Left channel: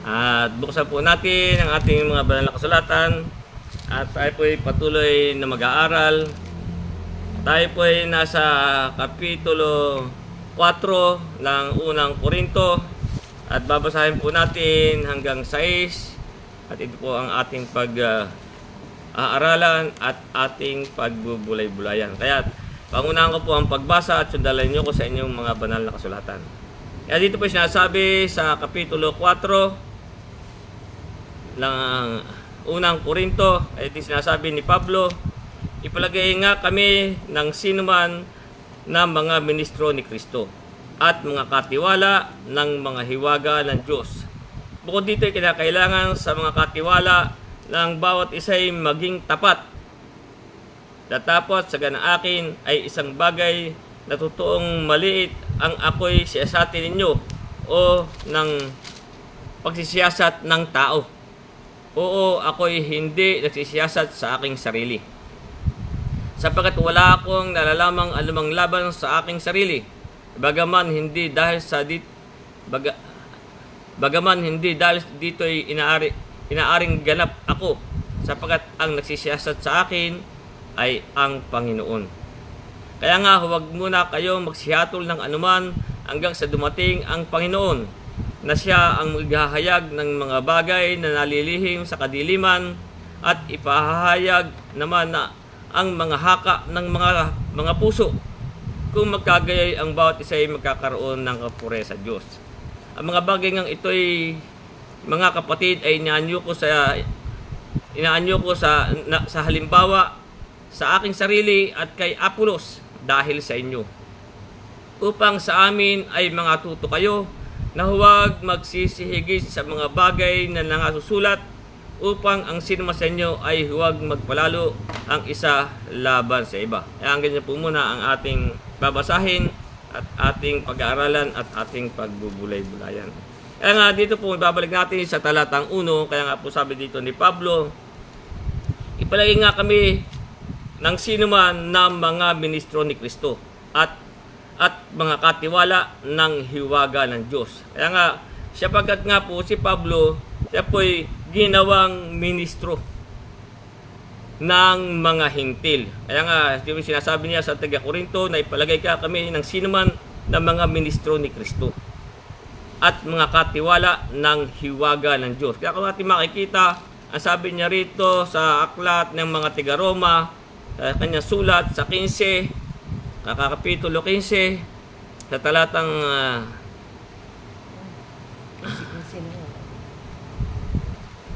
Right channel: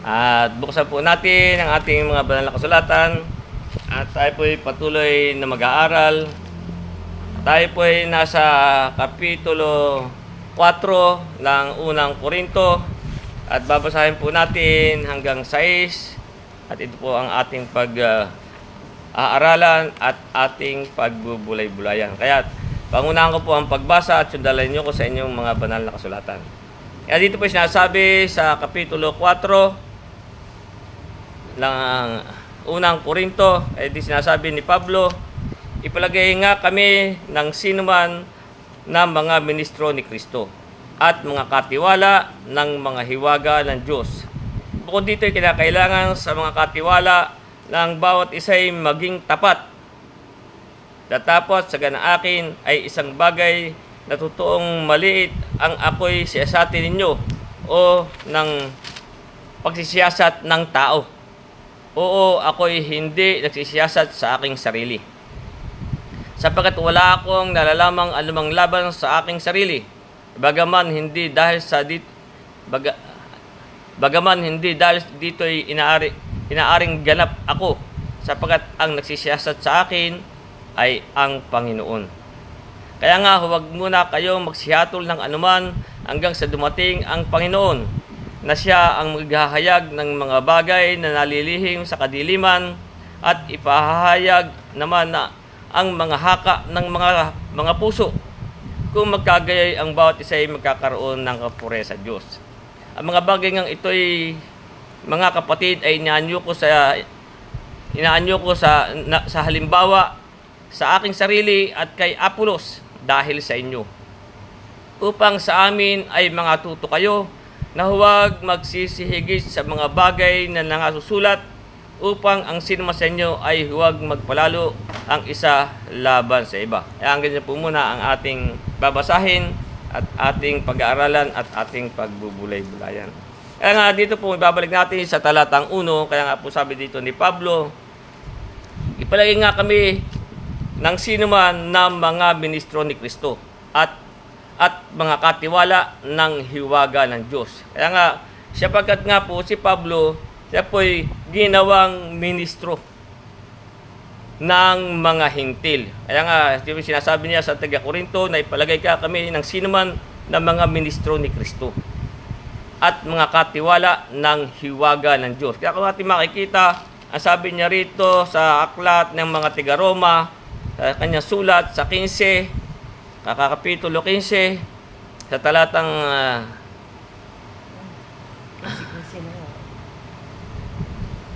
At buksan po natin ang ating mga banal na kasulatan. At tayo po ay patuloy na mag-aaral. Tayo po ay nasa Kapitulo 4 ng unang Korinto. At babasahin po natin hanggang 6. At ito po ang ating pag-aaralan at ating pagbubulay-bulayan. Kaya pangunahan ko po ang pagbasa at sundalin nyo ko sa inyong mga banal na kasulatan. Kaya dito po sinasabi sa Kapitulo 4 ng unang Korinto, ay sinasabi ni Pablo, ipalagay nga kami ng sinuman na mga ministro ni Kristo at mga katiwala ng mga hiwaga ng Diyos. Bukod dito ay kinakailangan sa mga katiwala ng bawat isa'y maging tapat. Datapot sa ganaakin ay isang bagay na totoong maliit ang ako'y siyasatin ninyo o ng pagsisiyasat ng tao. Oo, ako'y hindi nagsisiyasat sa aking sarili. Sapagkat wala akong nalalamang anumang laban sa aking sarili. Bagaman hindi dahil dito'y inaaring ganap ako, sapagkat ang nagsisiyasat sa akin ay ang Panginoon. Kaya nga huwag muna kayong magsihatol ng anuman hanggang sa dumating ang Panginoon, na siya ang maghahayag ng mga bagay na nalilihim sa kadiliman at ipahahayag naman na ang mga haka ng mga puso. Kung magkagayay ang bawat isa ay magkakaroon ng kapure sa Diyos. Ang mga bagay ngang ito'y, mga kapatid, ay inaanyo ko sa halimbawa sa aking sarili at kay Apolos dahil sa inyo, upang sa amin ay mga tuto kayo na huwag magsisihigit sa mga bagay na nangasusulat, upang ang sinuma sa inyo ay huwag magpalalo ang isa laban sa iba. Kaya ang ganyan po muna ang ating babasahin at ating pag-aaralan at ating pagbubulay-bulayan. Kaya nga dito po ibabalik natin sa talatang 1. Kaya nga po sabi dito ni Pablo, ipalagay nga kami ng sinuman na mga ministro ni Kristo at mga katiwala ng hiwaga ng Diyos. Kaya nga, sapagkat nga po si Pablo, siya po'y ginawang ministro ng mga hintil. Kaya nga, sinasabi niya sa taga-Korinto na ipalagay ka kami ng sinuman na mga ministro ni Kristo at mga katiwala ng hiwaga ng Diyos. Kaya kung natin makikita, ang sabi niya rito sa aklat ng mga taga-Roma, sa kanyang sulat sa 15, Kapitulo 15, sa talatang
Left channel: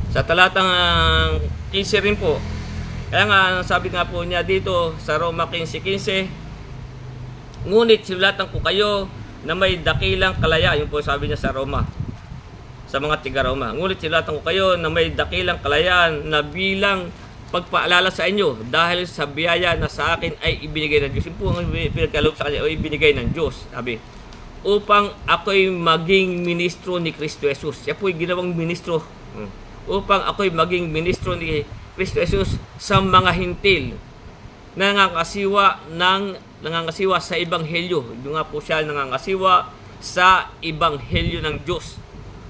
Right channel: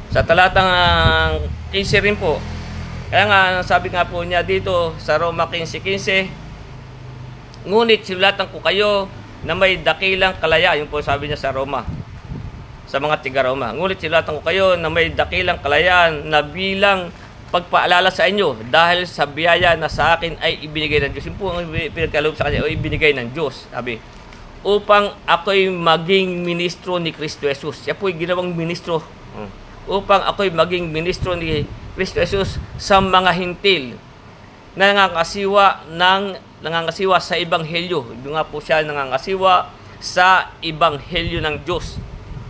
sa talatang 15 rin po. Kaya nga, sabi nga po niya dito sa Roma 15:15, ngunit sinulatan ko kayo na may dakilang kalaya. Yun po sabi niya sa Roma, sa mga tiga-Roma. Ngunit sinulatan ko kayo na may dakilang kalayaan na bilang pagpaalala sa inyo dahil sa biyaya na sa akin ay ibinigay ng Diyos. Yung po ang pinagkaloob sa kanya o ibinigay ng Diyos, sabi, upang ako'y maging ministro ni Kristo Jesus. Siya po'y ginawang ministro. Upang ako'y maging ministro ni Kristo Jesus sa mga hintil na nangangasiwa sa ebanghelyo. Doon nga po siya nangangasiwa sa ebanghelyo ng Diyos,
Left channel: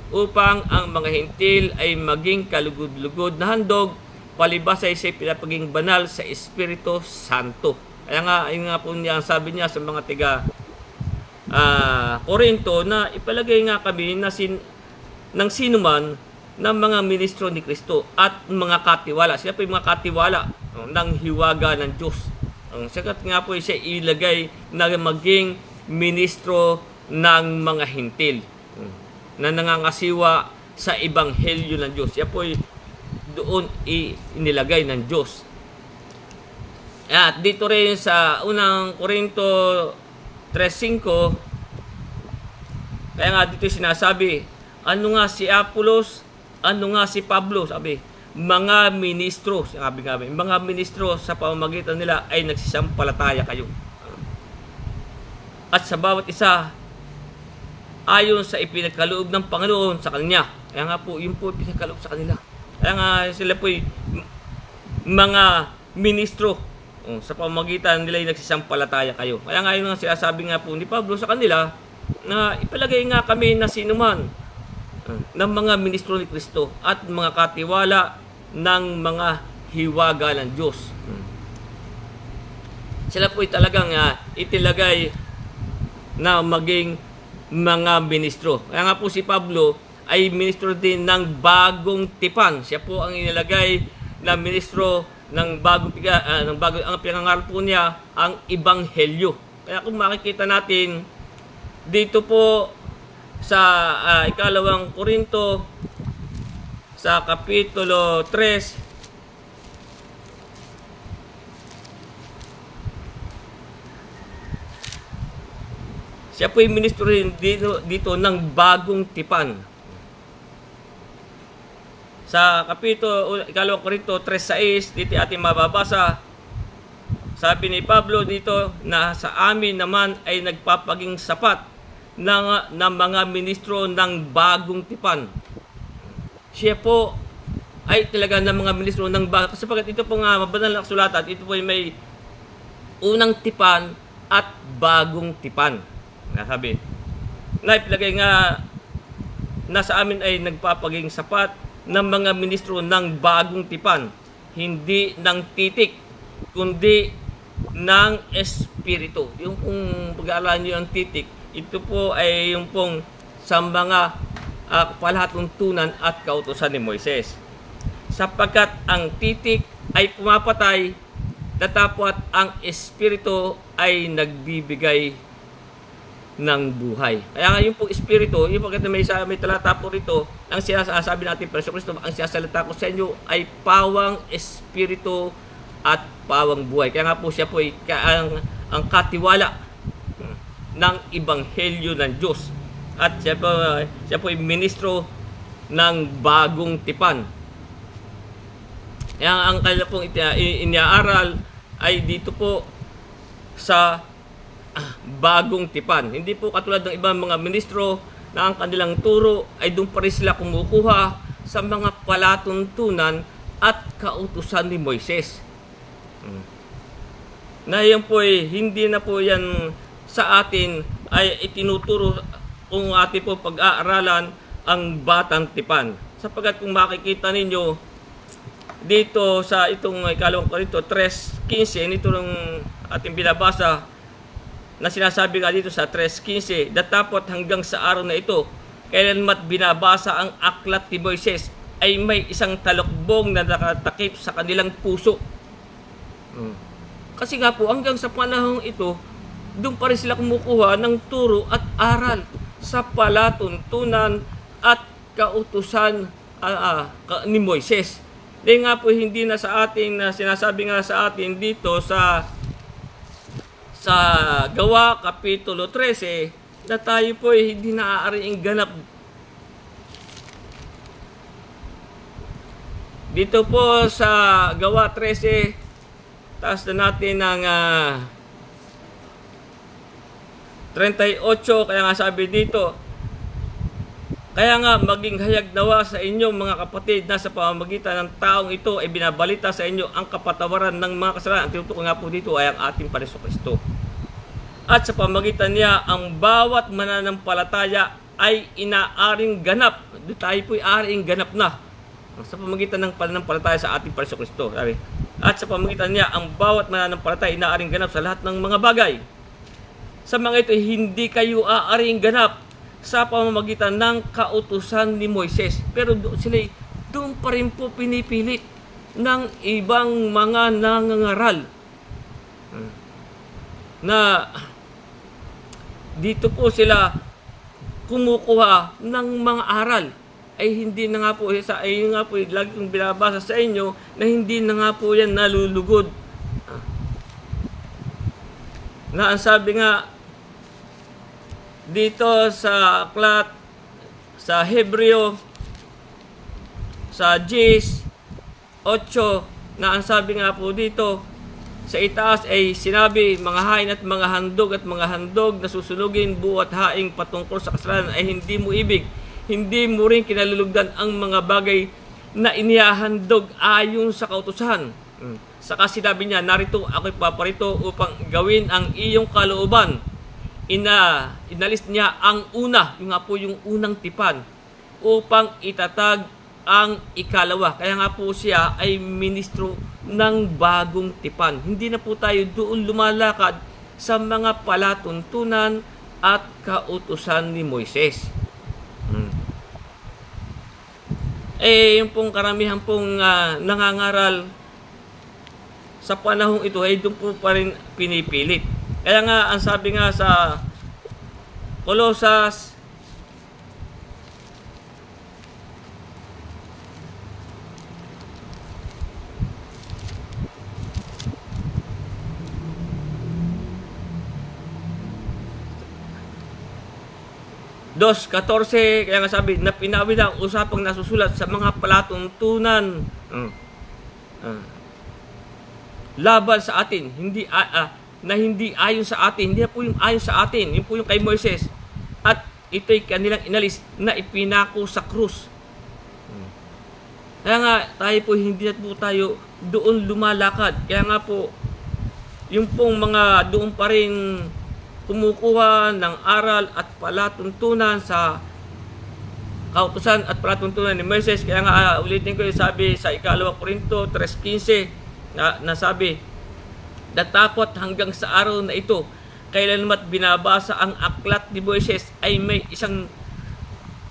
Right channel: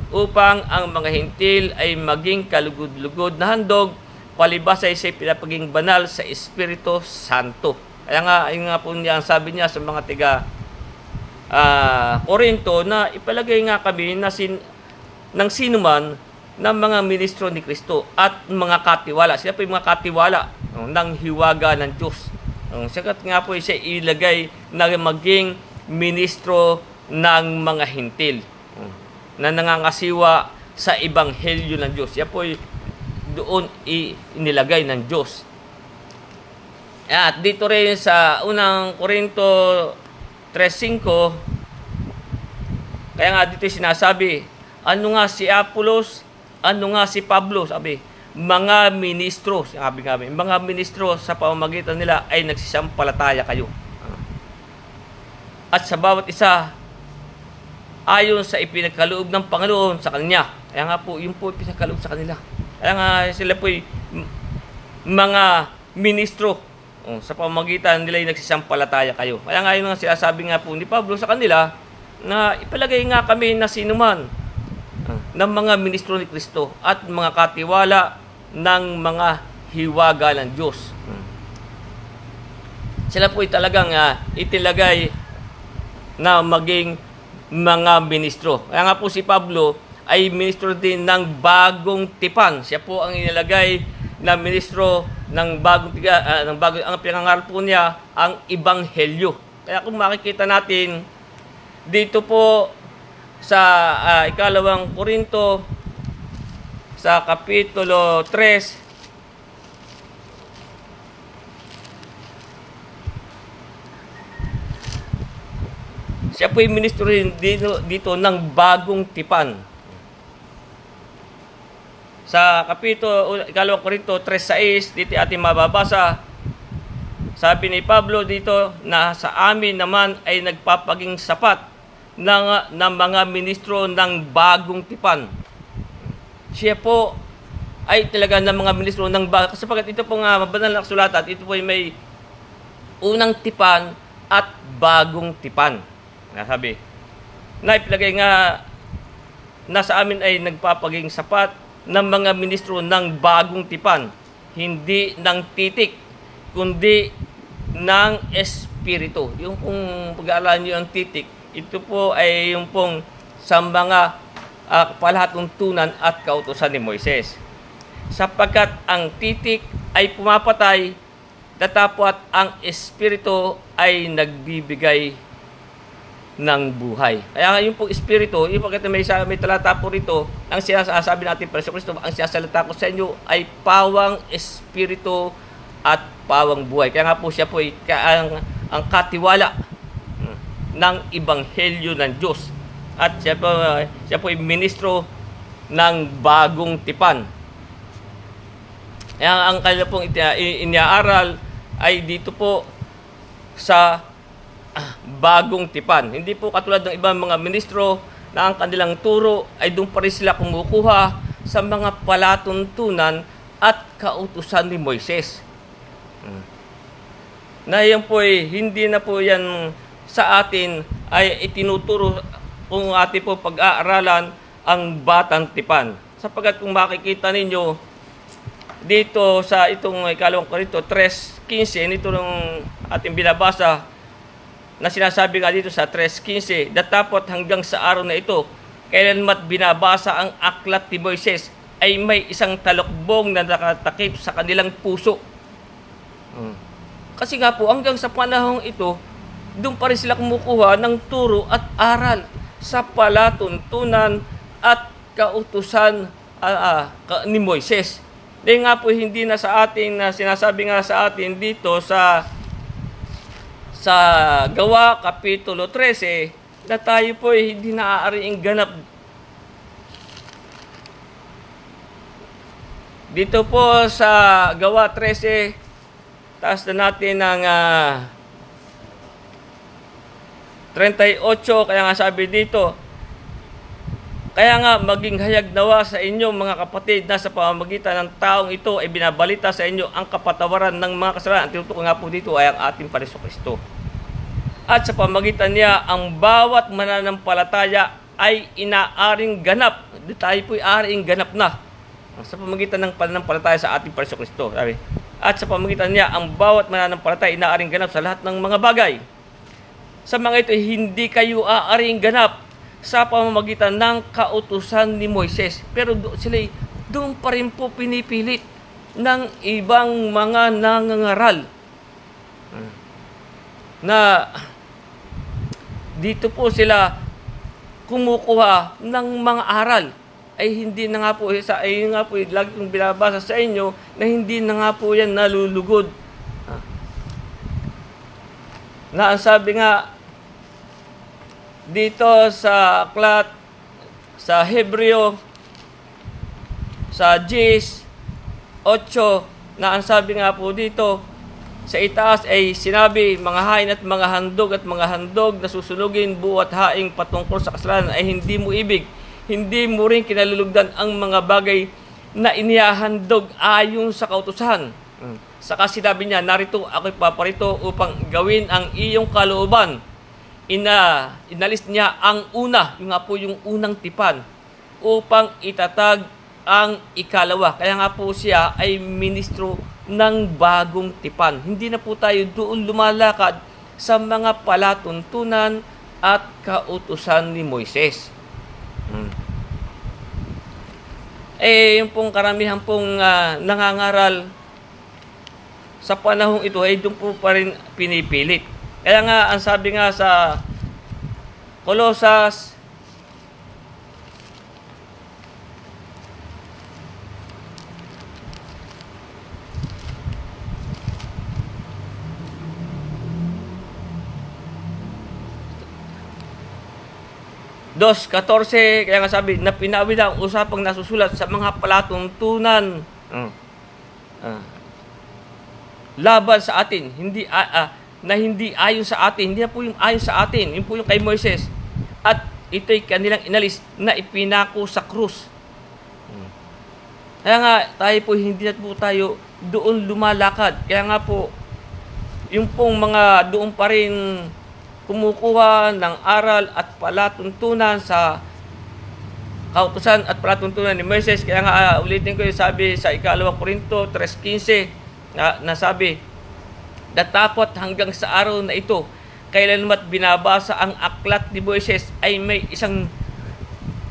upang ang mga hintil ay maging kalugod-lugod na handog, palibas ay siya pinapaging banal sa Espiritu Santo. Kaya nga, ayun nga po niya, sabi niya sa mga tiga Korinto, na ipalagay nga kami ng sinuman ng mga ministro ni Kristo at mga katiwala. Sila po yung mga katiwala ng hiwaga ng Diyos. Sakat nga po siya ilagay na maging ministro ng mga hintil na nangangasiwa sa ebanghelyo ng Diyos. Siya po doon inilagay ng Diyos. At dito rin sa unang Korinto 3:5, kaya nga dito sinasabi, ano nga si Apolos, ano nga si Pablo, sabi, mga ministro, sabi nga, mga ministro sa pamamagitan nila ay nagsisampalataya kayo. At sa bawat isa, ayon sa ipinagkaloob ng Panginoon sa kanya. Kaya nga po, yun po ipinagkaloob sa kanila. Kaya nga sila po mga ministro sa pamamagitan nila ay nagsisampalataya kayo. Kaya nga yun nga sinasabi nga po ni Pablo sa kanila, na ipalagay nga kami na sinuman ng mga ministro ni Kristo at mga katiwala ng mga hiwaga ng Diyos. Sila po ay talagang itilagay na maging mga ministro. Kaya nga po si Pablo ay ministro din ng bagong tipan. Siya po ang inilagay na ministro ng bagong ang pinangaral po niya ang Ebanghelyo. Kaya kung makikita natin dito po sa ikalawang Korinto sa kapitulo 3, siya po yung ministro rin dito ng bagong tipan. Sa kapitulo 2 Korinto 3:6, dito ating mababasa, sabi ni Pablo dito na sa amin naman ay nagpapaging sapat ng mga ministro ng bagong tipan. Siya po ay talaga ng mga ministro ng bagong, sapagkat ito po nga mabanal na kasulatan, ito po ay may unang tipan at bagong tipan. Nasabi, na ipilagay nga na sa amin ay nagpapaging sapat ng mga ministro ng bagong tipan, hindi ng titik, kundi ng espiritu. Yung kung pag-aaralan nyo ang titik, ito po ay yung pong sa mga palatuntunan at kautusan ni Moises. Sapagkat ang titik ay pumapatay, tatapot ang espiritu ay nagbibigay ng buhay. Kaya nga yung po espiritu, yung pagkat may talata po rito, ang sinasabi natin para sa Kristo, ang sinasalita ko sa inyo ay pawang espiritu at pawang buhay. Kaya nga po siya po ay ang katiwala ng Ebanghelyo ng Diyos. At siya po ay ministro ng bagong tipan. Kaya ang kanila pong iniaaral ay dito po sa bagong tipan. Hindi po katulad ng ibang mga ministro na ang kanilang turo ay doon pa rin sila kumukuha sa mga palatuntunan at kautusan ni Moises. Na yan po ay hindi na po yan sa atin ay itinuturo kung atin po pag-aaralan ang batang tipan. Sapagkat kung makikita ninyo dito sa itong ikalawang Korinto 3:15, nito ng ating binabasa, na sinasabi nga dito sa 3:15, datapot hanggang sa araw na ito, kailanmat binabasa ang aklat ni Moises, ay may isang talokbong na nakatakip sa kanilang puso. Kasi nga po, hanggang sa panahong ito, doon pa rin sila kumukuha ng turo at aral sa palatuntunan at kautusan ni Moises. Dahil nga po, hindi na sa atin, sinasabi nga sa atin dito sa Gawa Kapitulo 13 na tayo po ay hindi naaariing ganap. Dito po sa Gawa 13, taas na natin ng 38, kaya nga sabi dito, kaya nga maging hayag nawa sa inyo mga kapatid na sa pamamagitan ng taong ito ay binabalita sa inyo ang kapatawaran ng mga kasalanan. Ang tinutukoy nga po dito ay ang ating Panginoong Kristo. At sa pamamagitan niya, ang bawat mananampalataya ay inaaring ganap. Tayo po ay aaring ganap na sa pamamagitan ng pananampalataya sa ating Panginoong Kristo. At sa pamamagitan niya, ang bawat mananampalataya ay inaaring ganap sa lahat ng mga bagay. Sa mga ito, hindi kayo aaring ganap sa pamamagitan ng kautusan ni Moises. Pero sila doon pa rin po pinipilit ng ibang mga nangangaral na dito po sila kumukuha ng mga aral. Ay hindi na nga po, ay nga po, lagi kong binabasa sa inyo na hindi na nga po yan nalulugod. Na ang sabi nga dito sa aklat sa Hebreo sa 10:8, na ang sabi nga po dito sa itaas ay sinabi, mga hain at mga handog na susunugin buwat haing patungkol sa kasalanan ay hindi mo ibig, hindi mo rin kinalulugdan ang mga bagay na inihahandog ayon sa kautusan. Saka sinabi niya, narito ako'y paparito upang gawin ang iyong kalooban. Inalis niya ang una, yung nga po yung unang tipan, upang itatag ang ikalawa. Kaya nga po siya ay ministro ng bagong tipan. Hindi na po tayo doon lumalakad sa mga palatuntunan at kautusan ni Moises. Yung pong karamihan pong nangangaral sa panahong ito ay doon po pa rin pinipilit. Kaya nga, ang sabi nga sa Colosas 2:14, kaya nga sabi na pinawid ang usapang nasusulat sa mga palatuntunan laban sa atin, na hindi ayon sa atin, hindi na po yung ayon sa atin, yun po yung kay Moises, at ito'y kanilang inalis na ipinako sa krus. Kaya nga tayo po hindi na po tayo doon lumalakad. Kaya nga po yung pong mga doon pa rin kumukuha ng aral at palatuntunan sa kautusan at palatuntunan ni Moises. Kaya nga ulitin ko yung sabi sa 2 Korinto 3:15 na sabi, datapot hanggang sa araw na ito, kailanmat binabasa ang aklat ni Moises ay may isang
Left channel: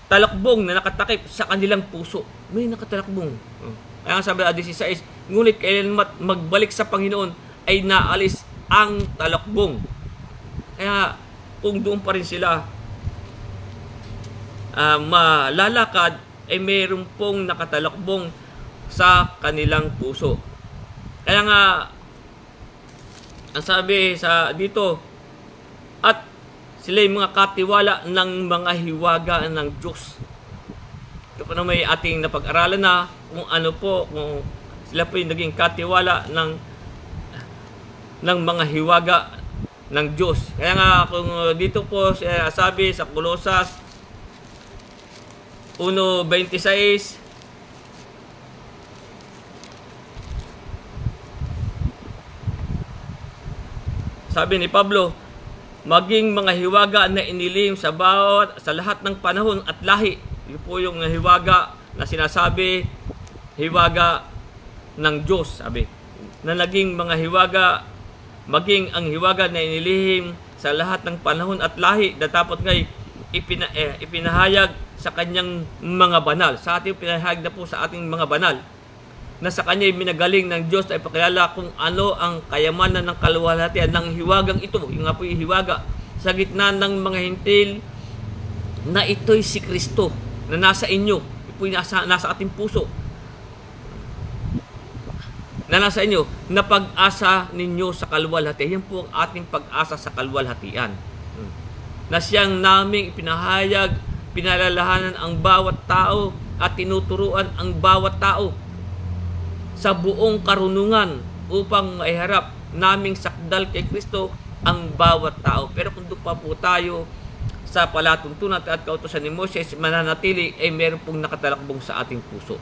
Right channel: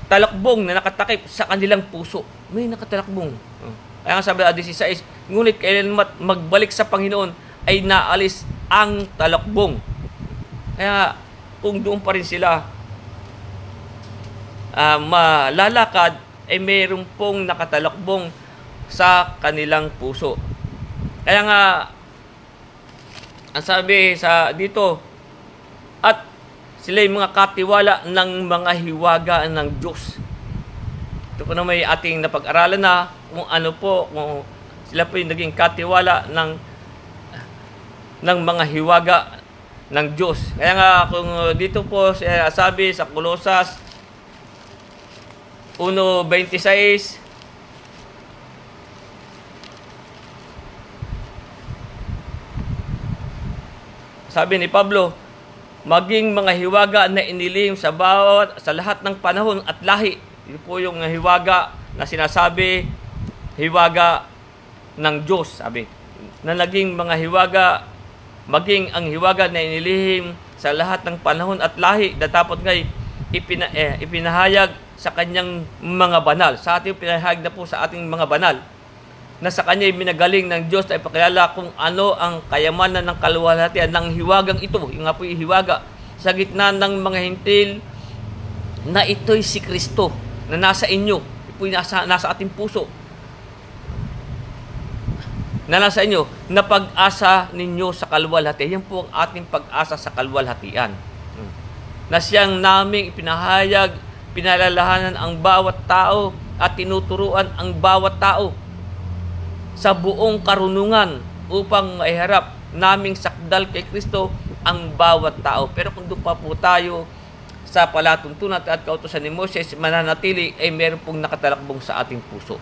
talakbong na nakatakip sa kanilang puso. May nakatalakbong. Kaya nga sabi 16, ngunit kailanmat magbalik sa Panginoon ay naalis ang talakbong. Kaya kung doon pa rin sila malalakad, ay mayroon pong nakatalakbong sa kanilang puso. Kaya nga ang sabi sa dito, at sila'y mga katiwala ng mga hiwaga ng Diyos. Ito po na may ating napag-aralan na kung ano po, kung sila po yung naging katiwala ng mga hiwaga ng Diyos. Kaya nga kung dito po sabi sa Colosas 1:26, sabi ni Pablo, maging mga hiwaga na inilim sa lahat ng panahon at lahi. Ito po yung hiwaga na sinasabi, hiwaga ng Diyos, sabi. Na naging mga hiwaga, maging ang hiwaga na inilihim sa lahat ng panahon at lahi, datapot ngay ipinahayag sa kanyang mga banal. Sa ating pinahayag na po sa ating mga banal, na sa kanya minagaling ng Diyos na ipakilala kung ano ang kayamanan ng kaluwalhatian ng hiwagang ito. Yung nga po yung hiwaga sa gitna ng mga hintil, na ito'y si Kristo na nasa inyo. Ito po nasa ating puso, na nasa inyo, na pag-asa ninyo sa kaluwalhatian. Yan po ang ating pag-asa sa kaluwalhatian, na siyang naming ipinahayag, pinalalahanan ang bawat tao at tinuturuan ang bawat tao sa buong karunungan upang maiharap naming sakdal kay Kristo ang bawat tao. Pero kung doon pa po tayo sa palatuntunan at kautusan ni Moses mananatili, ay meron pong nakatalakbong sa ating puso.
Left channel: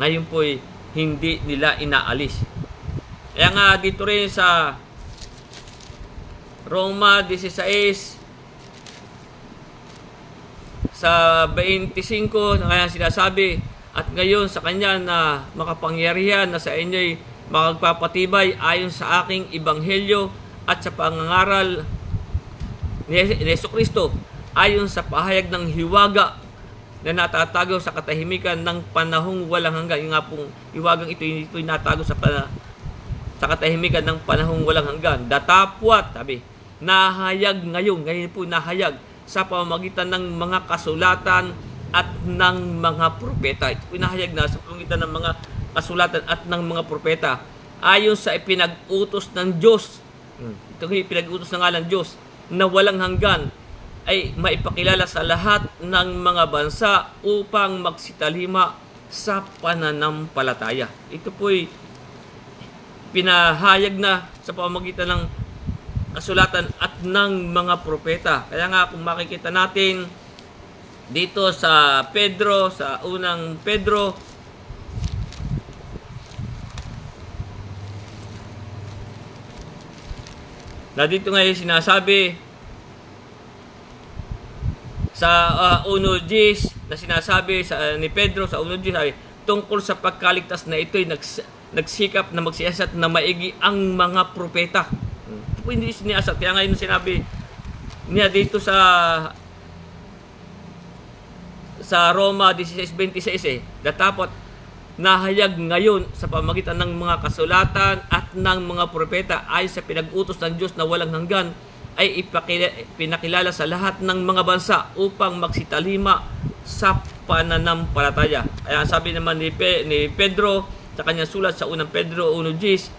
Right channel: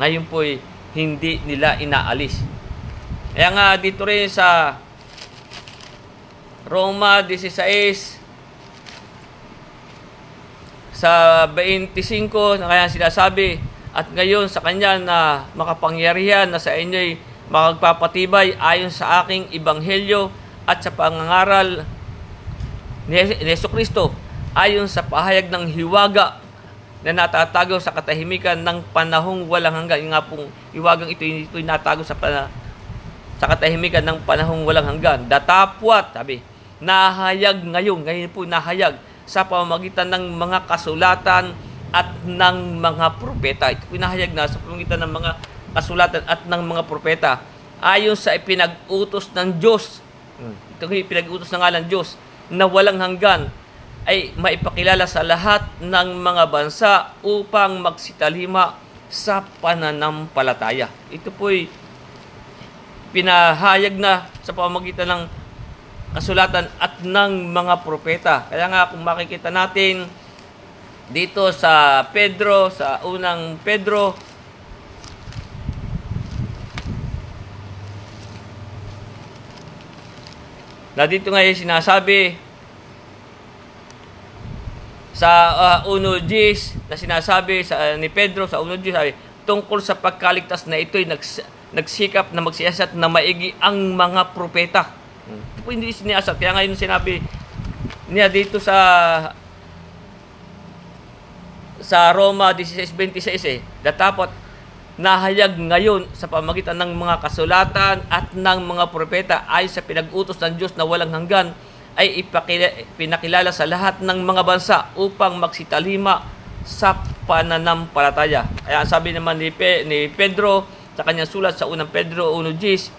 Ngayon po ay hindi nila inaalis. Kaya nga dito rin sa Roma 16 sa 25 na kaya sinasabi, at ngayon sa kanya na makapangyarihan na sa inyo'y makagpapatibay ayon sa aking ebanghelyo at sa pangangaral ni Jesucristo, ayon sa pahayag ng hiwaga na natatago sa katahimikan ng panahong walang hanggan. Yung nga pong hiwagang ito'y natago sa katahimikan ng panahong walang hanggan. Datapwat, sabi, nahayag ngayon po nahayag sa pamamagitan ng mga kasulatan at ng mga propeta. Ito pinahayag na sa pamamagitan ng mga kasulatan at ng mga propeta, ayon sa ipinag-utos ng Diyos. Ito yung ipinag-utos ng ngalan Diyos, na walang hanggan, ay maipakilala sa lahat ng mga bansa upang magsitalima sa pananampalataya. Ito po'y pinahayag na sa pamamagitan ng kasulatan at ng mga propeta. Kaya nga kung makikita natin dito sa Pedro, sa unang Pedro, na dito ngayon sinasabi Sa 1:10 na sinasabi ni Pedro sa 1:10, sabi, tungkol sa pagkaligtas na ito'y nagsikap na magsiyasat na maigi ang mga propeta. Ito po hindi siniyasat. Kaya ngayon sinabi niya dito sa Roma 16:26 dapat nahayag ngayon sa pamagitan ng mga kasulatan at ng mga propeta ay sa pinag-utos ng Diyos na walang hanggan ay pinakilala sa lahat ng mga bansa upang magsitalima sa pananampalataya. Kaya sabi naman ni Pedro sa kanyang sulat sa unang Pedro 1:10,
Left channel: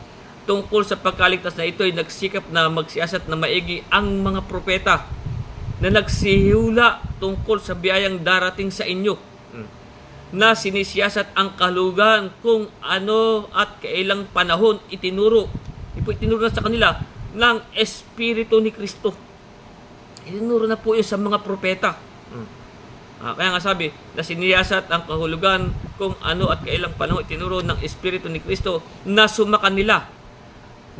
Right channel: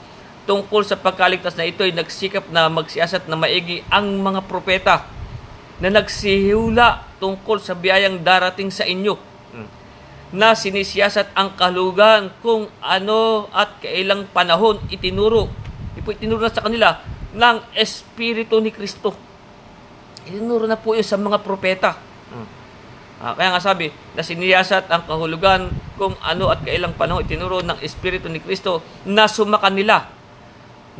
tungkol sa pagkaligtas na ito ay nagsikap na magsiyasat na maigi ang mga propeta na nagsihula tungkol sa biyayang darating sa inyo, na sinisiyasat ang kahulugan kung ano at kailang panahon itinuro. Itinuro na sa kanila ng Espiritu ni Kristo. Itinuro na po yun sa mga propeta. Kaya nga sabi, na siniyasat ang kahulugan kung ano at kailang panahon itinuro ng Espiritu ni Kristo na sumakan nila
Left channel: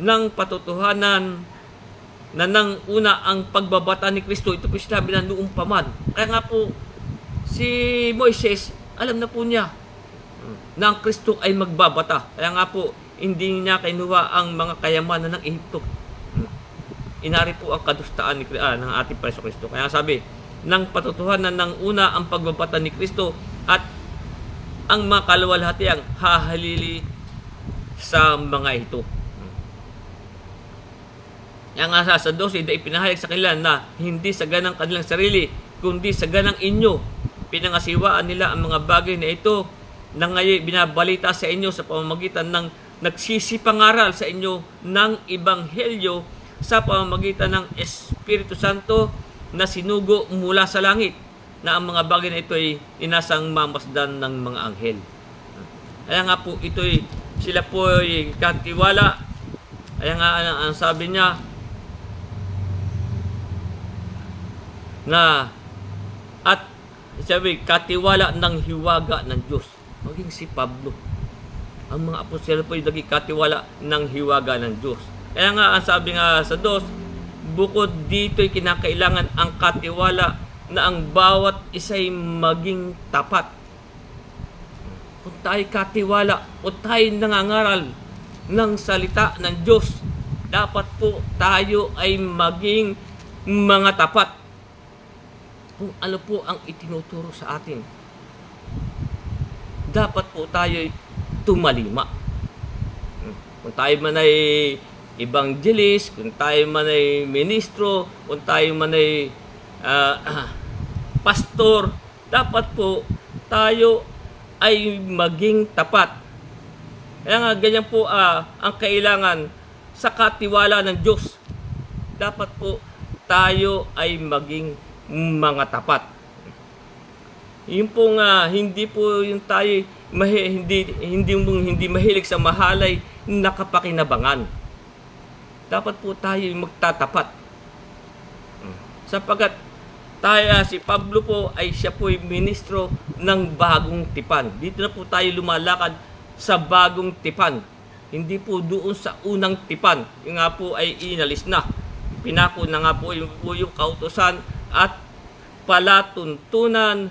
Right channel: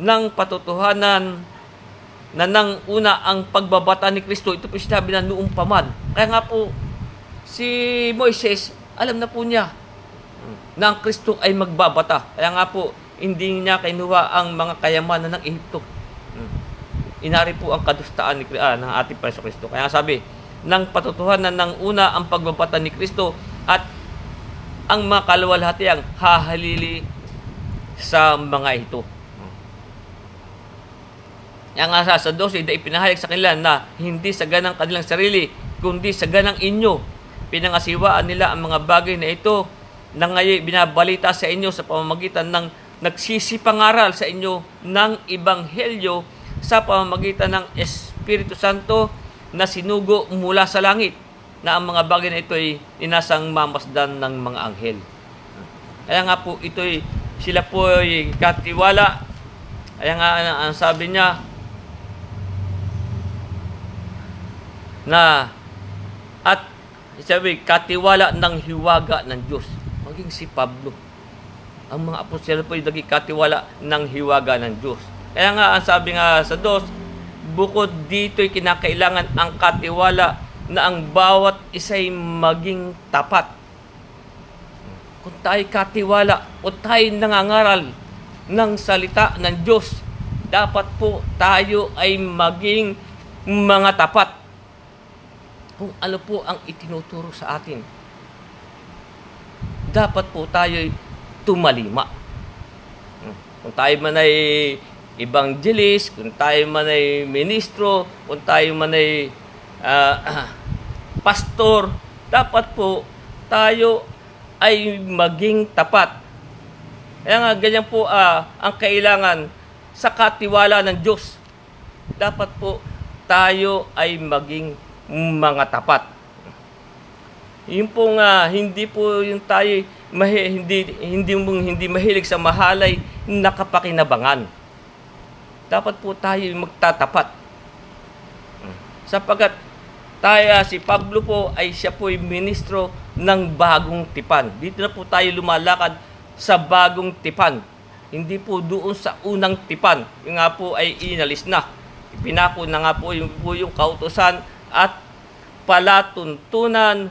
ng patotohanan na nang una ang pagbabata ni Kristo. Ito po sinabi na noong paman. Kaya nga po, si Moises, alam na po niya na ang Kristo ay magbabata. Kaya nga po, hindi niya kinuha ang mga kayamanan ng Ehipto. Inari po ang kadustaan ng ating Panginoon Kristo. Kaya sabi, ng patotohanan ng una ang pagbabata ni Kristo at ang mga kaluwalhatiang hahalili sa mga ito. Kaya nga sa 12, ipinahayag sa kanila na hindi sa ganang kanilang sarili, kundi sa ganang inyo pinangasiwaan nila ang mga bagay na ito na ngayon binabalita sa inyo sa pamamagitan ng nagsisipangaral sa inyo ng Ebanghelyo sa pamamagitan ng Espiritu Santo na sinugo mula sa langit, na ang mga bagay na ito ay inasang mamasdan ng mga anghel. Kaya nga po sila po ay katiwala. Kaya nga ang sabi niya na at sabi, katiwala ng hiwaga ng Diyos. Maging si Pablo. Ang mga apostol po ay naging katiwala ng hiwaga ng Diyos. Kaya nga, ang sabi nga sa 2, bukod dito'y kinakailangan ang katiwala na ang bawat isa'y maging tapat. Kung tayo katiwala o tayo nangangaral ng salita ng Diyos, dapat po tayo ay maging mga tapat kung ano po ang itinuturo sa atin. Dapat po tayo tumalima. Kung tayo man ay evangelist, kung tayo man ay ministro, kung tayo man ay pastor, dapat po tayo ay maging tapat. Kaya nga ganyan po ang kailangan sa katiwala ng Diyos. Dapat po tayo ay maging mga tapat. Yung pong hindi po yung tayo hindi mahilig sa mahalay na kapakinabangan. Dapat po tayo magtatapat. Sapagkat si Pablo po ay siya po ay ministro ng bagong tipan. Dito na po tayo lumalakad sa bagong tipan. Hindi po doon sa unang tipan. Yung nga po ay inalis na. Pinako na nga po yung kautusan at palatuntunan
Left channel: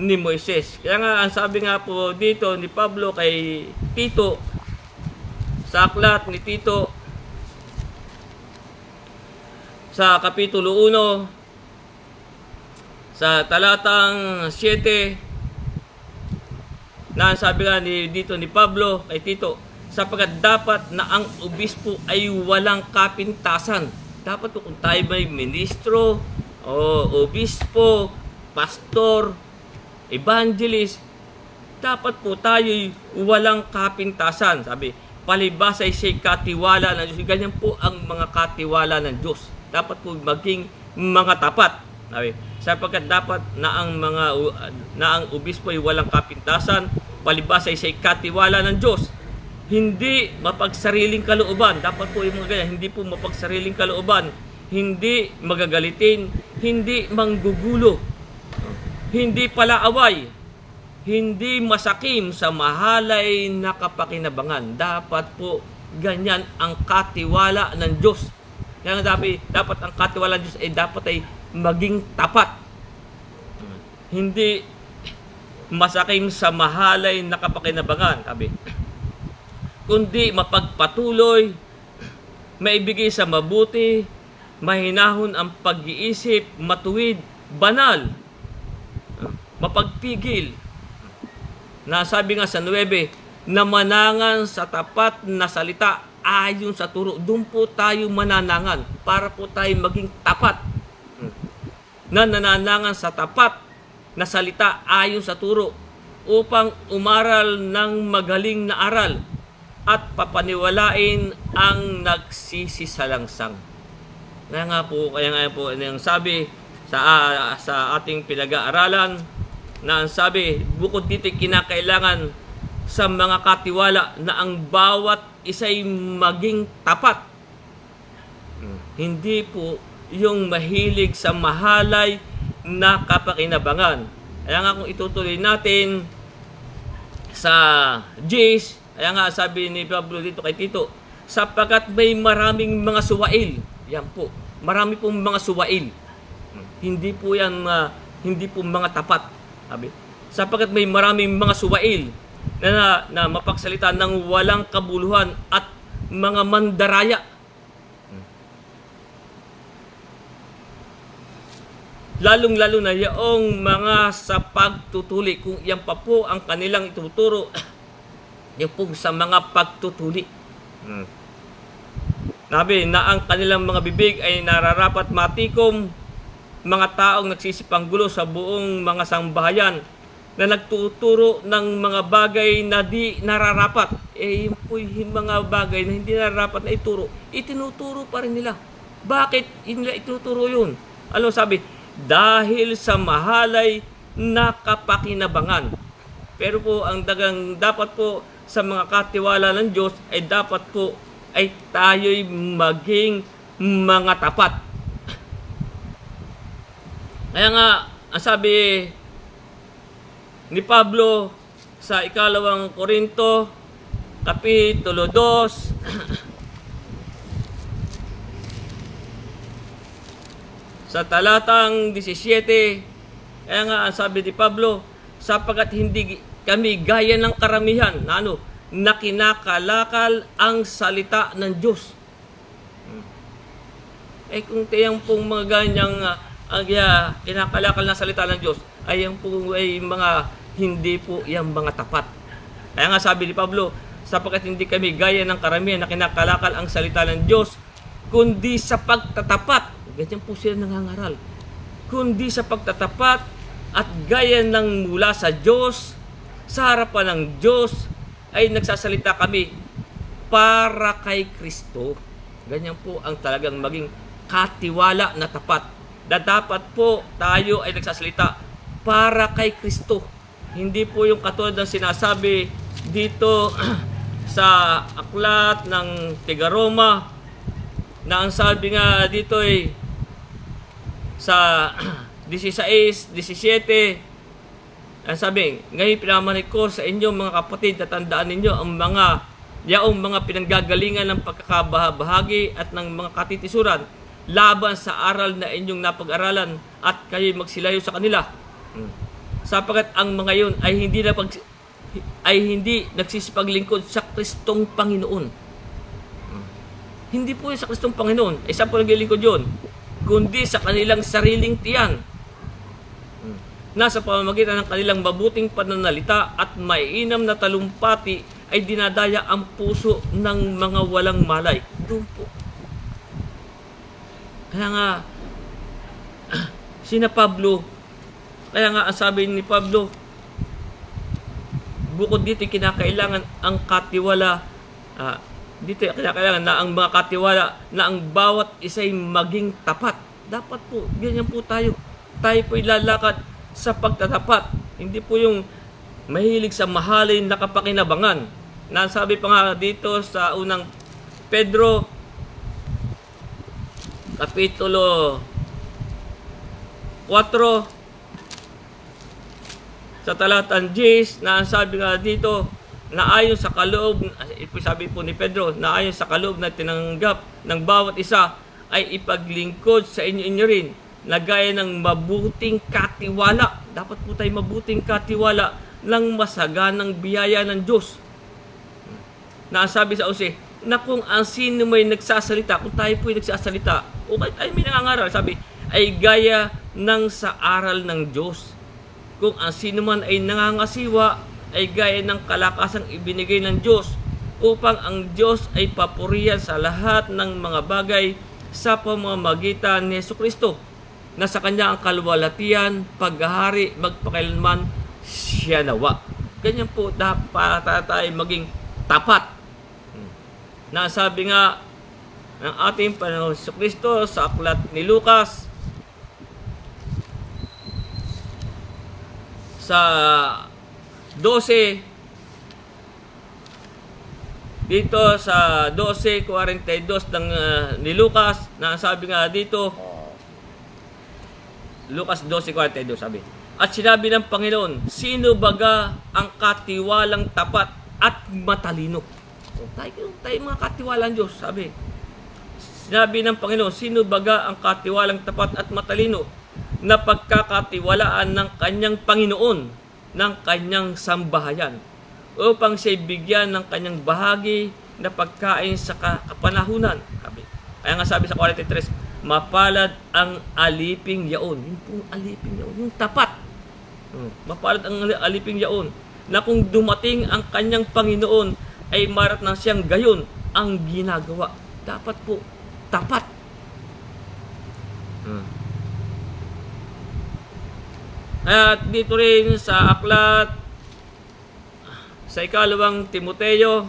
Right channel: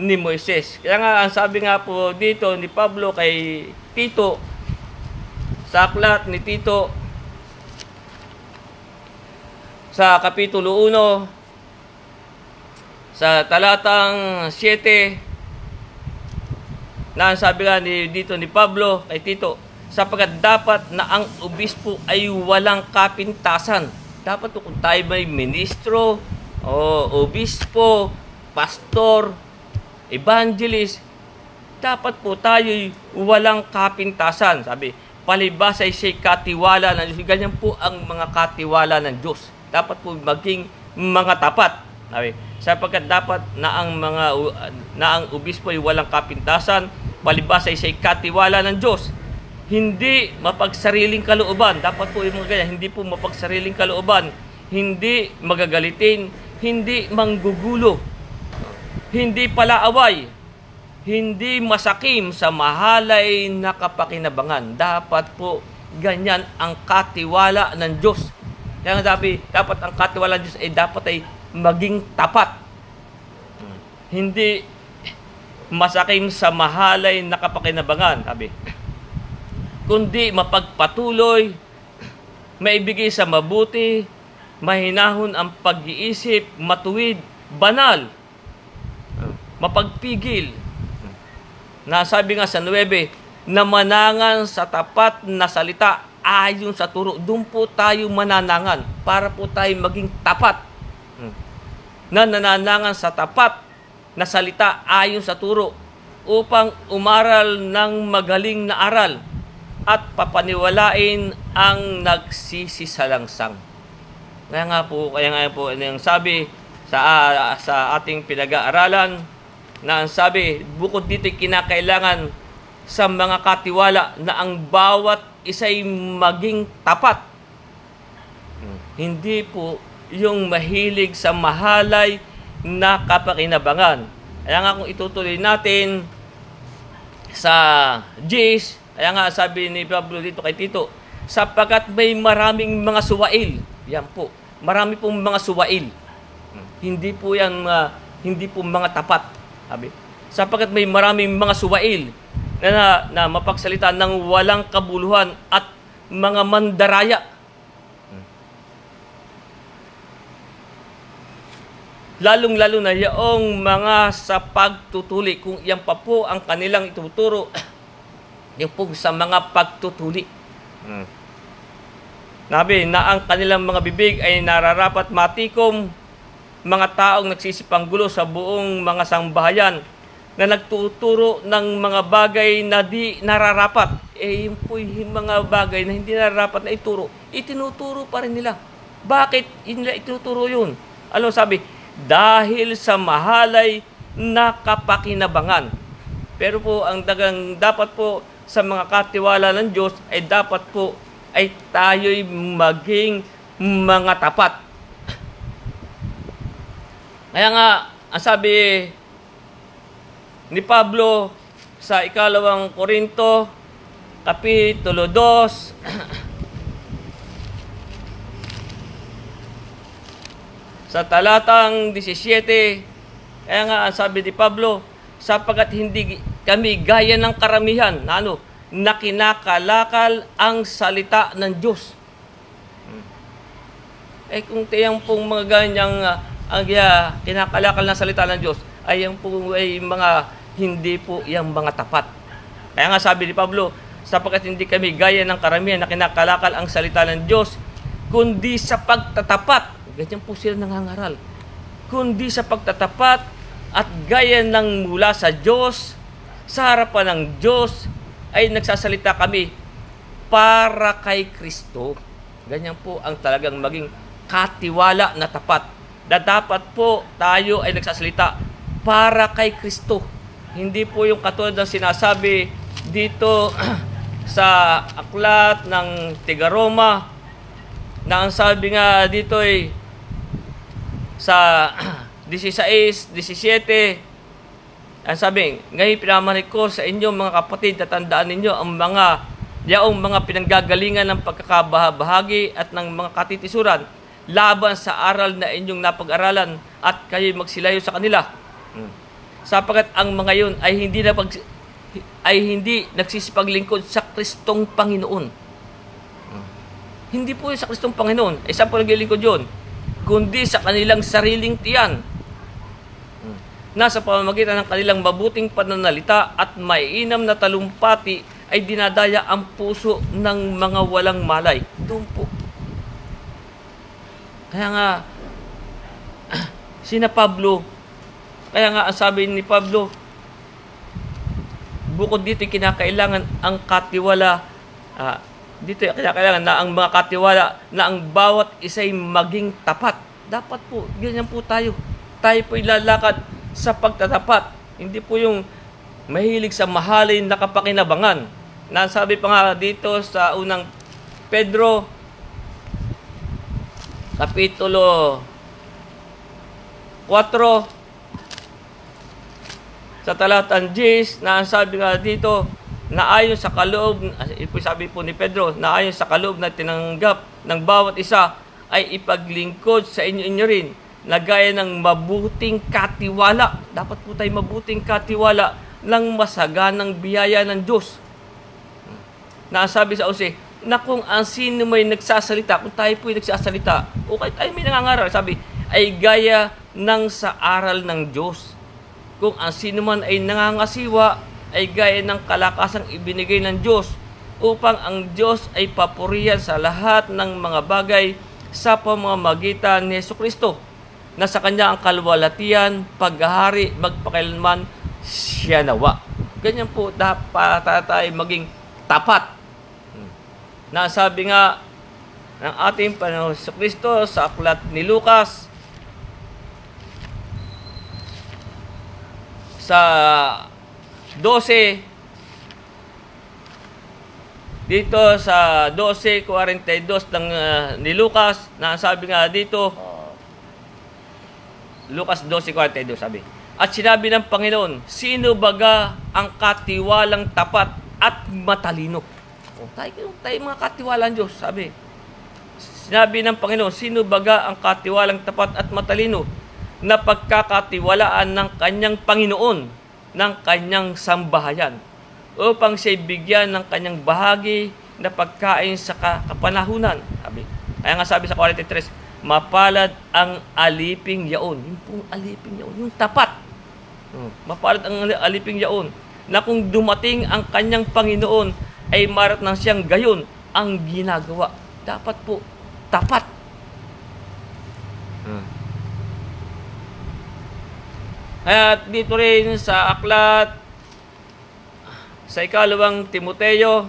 ni Moises. Kaya nga ang sabi nga po dito ni Pablo kay Tito, sa aklat ni Tito sa kapitulo 1 sa talatang 7, na sabi nga dito ni Pablo kay Tito, sapagkat dapat na ang obispo ay walang kapintasan. Dapat kung tayo may ministro o obispo, pastor, evangelist, dapat po tayo'y walang kapintasan. Sabi, palibas ay siya'y katiwala ng Diyos. Ganyan po ang mga katiwala ng Diyos. Dapat po maging mga tapat. Sabi, sapagkat dapat na ang obispo ay walang kapintasan, palibas ay siya'y katiwala ng Diyos. Hindi mapagsariling kalooban. Dapat po yung mga ganyan, hindi po mapagsariling kalooban. Hindi magagalitin, hindi manggugulo, hindi palaaway, hindi masakim sa mahalay na kapakinabangan. Dapat po ganyan ang katiwala ng Diyos. Kaya dapat ang katiwala ng Diyos ay dapat ay maging tapat. hindi masakim sa mahalay na kapakinabangan, sabi, kundi mapagpatuloy, maibigay sa mabuti, mahinahon ang pag-iisip, matuwid, banal, mapagpigil. Nasabi nga sa 9, na manangan sa tapat na salita ayon sa turo. Doon po tayo mananangan para po tayo maging tapat. Na nananangan sa tapat na salita ayon sa turo upang umaral ng magaling na aral at papaniwalain ang nagsisisalangsang. Kaya nga po yung sabi sa ating pinag-aaralan na ang sabi, bukod dito kinakailangan sa mga katiwala na ang bawat isa'y maging tapat. Hindi po yung mahilig sa mahalay na kapakinabangan. Kaya nga kung itutuloy natin sa Gs, kaya nga sabi ni Pablo dito kay Tito, sapagkat may maraming mga suwail. Yan po, marami pong mga suwail. Hindi po yan hindi po mga tapat. Sabi, sapagkat may maraming mga suwail na mapagsalita ng walang kabuluhan at mga mandaraya. Lalong-lalo na yaong mga sa pagtutuli. Kung yan pa po ang kanilang ituturo, yung po sa mga pagtutuli. Sabi na ang kanilang mga bibig ay nararapat matikom, mga taong nagsisipanggulo sa buong mga sambahayan na nagtuturo ng mga bagay na di nararapat. Yun po yung mga bagay na hindi nararapat na ituro, itinuturo pa rin nila. Bakit hindi ituturo yun? Ano sabi? Dahil sa mahalay na kapakinabangan. Pero po ang dapat po sa mga katiwala ng Diyos ay dapat po ay tayo'y maging mga tapat. Kaya nga, ang sabi ni Pablo sa 2 Korinto, Kapitulo 2, sa talatang 17, kaya nga, ang sabi ni Pablo, sapagkat hindi kami gaya ng karamihan na kinakalakal ang salita ng Diyos. Kung tiyang pong mga ganyang kinakalakal na salita ng Diyos, ay yung po ay mga hindi po yung mga tapat. Kaya nga sabi ni Pablo, sapagkat hindi kami gaya ng karamihan na kinakalakal ang salita ng Diyos, kundi sa pagtatapat. Ganyan po sila nangangaral. Kundi sa pagtatapat at gaya ng mula sa Diyos, sa harapan ng Diyos, ay nagsasalita kami para kay Kristo. Ganyan po ang talagang maging katiwala na tapat. Na dapat po tayo ay nagsasalita para kay Kristo. Hindi po yung katulad ng sinasabi dito sa aklat ng Tigaroma na ang sabi nga dito ay sa 16, 17, ang sabi, ngayon pinamanik ko sa inyo mga kapatid, tatandaan ninyo ang yaong mga pinanggagalingan ng pagkakabahagi at ng mga katitisuran laban sa aral na inyong napag-aralan at kayo magsilayo sa kanila. Sapagkat ang mga yun ay hindi nagsisipaglingkod sa Kristong Panginoon. Hindi po sa Kristong Panginoon. Saan po naglilingkod yun? Kundi sa kanilang sariling tiyan. Nasa pamamagitan ng kanilang mabuting pananalita at maiinam na talumpati ay dinadaya ang puso ng mga walang malay. Doon po. Kaya nga, sina Pablo, kaya nga ang sabi ni Pablo, bukod dito kinakailangan ang katiwala, dito kinakailangan na ang mga katiwala na ang bawat isa'y maging tapat. Dapat po, ganyan po tayo. Tayo po'y lalakad sa pagtatapat. Hindi po yung mahilig sa mahalin na kapakinabangan. Nasabi pa nga dito sa unang Pedro, Kapitulo 4, sa talatang 10, na sabi nga dito, na ayon sa kaloob, sabi po ni Pedro, na ayon sa kaloob na tinanggap ng bawat isa, ay ipaglingkod sa inyo rin na gaya ng mabuting katiwala. Dapat po tayo mabuting katiwala ng masaganang biyaya ng Diyos. Na sabi sa 11, na kung ang sino may nagsasalita, kung tayo po'y nagsasalita, o kahit tayo may nangangaral, sabi, ay gaya ng sa aral ng Diyos. Kung ang sino man ay nangangasiwa, ay gaya ng kalakasang ibinigay ng Diyos, upang ang Diyos ay papurihan sa lahat ng mga bagay sa pamamagitan ni Jesucristo, na sa Kanya ang kalwalatian, paghahari, magpakailanman siya nawa. Ganyan po dapat tayo maging tapat. Nasabi nga ng ating Panginoon Jesucristo sa aklat ni Lucas sa 12, dito sa 12:42 ng ni Lucas, nasabi nga dito, Lucas 12:42 sabi, at sinabi ng Panginoon, sino baga ang katiwalang tapat at matalino? Tayo mga katiwalang Diyos, sabi. Sinabi ng Panginoon, sino baga ang katiwalang tapat at matalino na pagkakatiwalaan ng kanyang Panginoon, ng kanyang sambahayan, upang siya'y bigyan ng kanyang bahagi na pagkain sa kapanahunan. Sabi. Kaya nga sabi sa 43, mapalad ang aliping yaon. Yung pong aliping yaon, yung tapat. Mapalad ang aliping yaon, na kung dumating ang kanyang Panginoon, ay marat na siyang gayon ang ginagawa. Dapat po, tapat. At dito rin sa aklat, sa ikalawang Timoteo,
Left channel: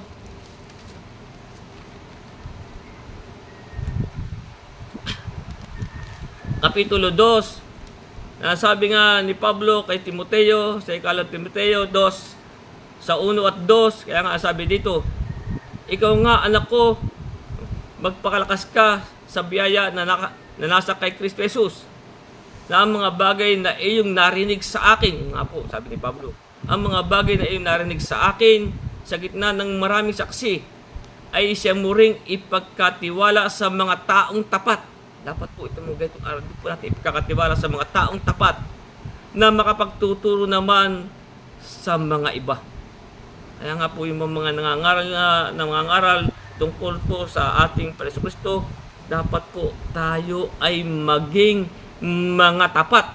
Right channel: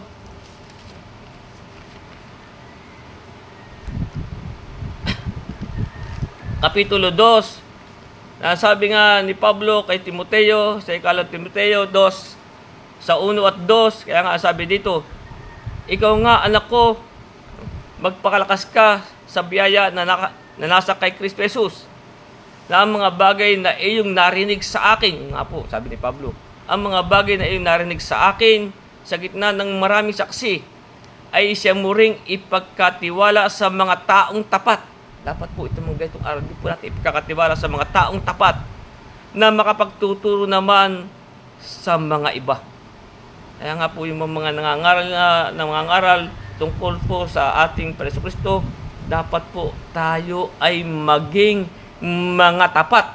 Kapitulo 2, sabi nga ni Pablo kay Timoteo, sa ikalawang Timoteo 2, sa 1 at 2, kaya nga sabi dito, ikaw nga anak ko, magpakalakas ka sa biyaya na nasa kay Kristo Jesus, na ang mga bagay na iyong narinig sa akin, nga po, sabi ni Pablo, ang mga bagay na iyong narinig sa akin, sa gitna ng maraming saksi, ay siya mo ring ipagkatiwala sa mga taong tapat. Dapat po itong mga ganitong araw, di po natin ipagkatiwala sa mga taong tapat, na makapagtuturo naman sa mga iba. Kaya nga po yung mga nangangaral tungkol po sa ating Panginoon Kristo, dapat po tayo ay maging mga tapat.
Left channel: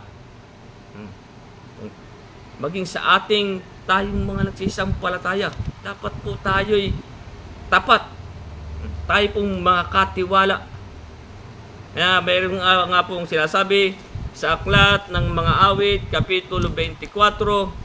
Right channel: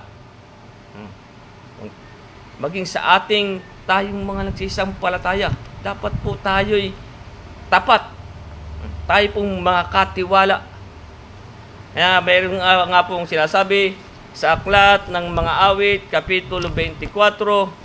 Maging sa ating tayong mga nagsisampalataya, dapat po tayo'y tapat. Tayo pong mga katiwala. Kaya mayroon nga pong sinasabi sa aklat ng mga awit, Kapitulo 24,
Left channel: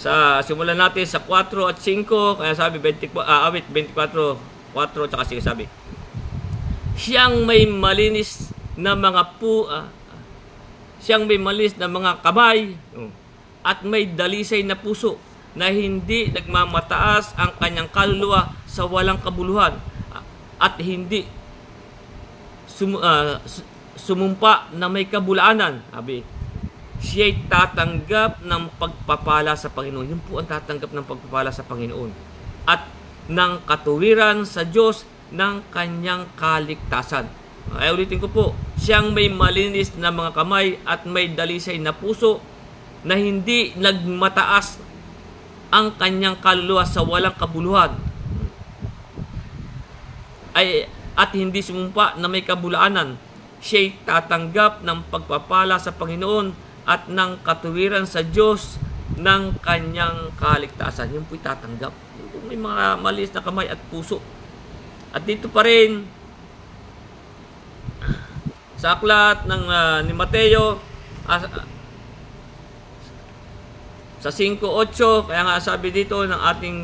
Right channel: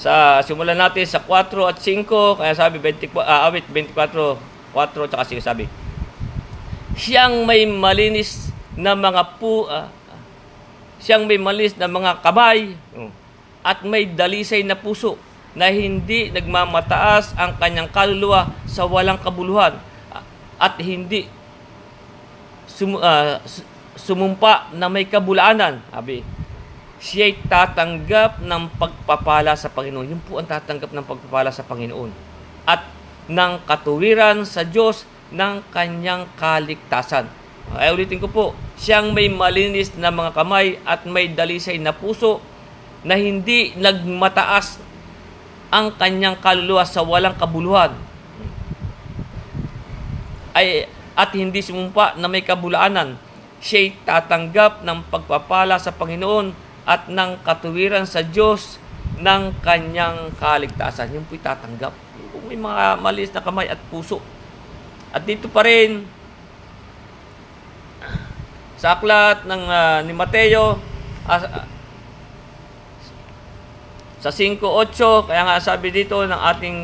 sa simulan natin sa 4 at 5, kaya sabi awit 24, 4 at 5 sabi, siyang may malinis na mga siyang may malinis na mga kamay at may dalisay na puso, na hindi nagmamataas ang kanyang kaluluwa sa walang kabuluhan, at hindi sumumpa na may kabulaanan. Sabi, siya'y tatanggap ng pagpapala sa Panginoon. Yun po ang tatanggap ng pagpapala sa Panginoon. At ng katuwiran sa Diyos ng kanyang kaligtasan. Ay ulitin ko po, siyang may malinis na mga kamay at may dalisay na puso, na hindi nagmataas ang kanyang kaluluwa sa walang kabuluhan, at hindi sumumpa na may kabulaanan. Siya'y tatanggap ng pagpapala sa Panginoon at ng katuwiran sa Diyos ng kanyang kaligtasan. Yung po'y tatanggap. Yung may mga malinis na kamay at puso. At dito pa rin sa aklat ng ni Mateo, sa 5:8, kaya nga sabi dito ng ating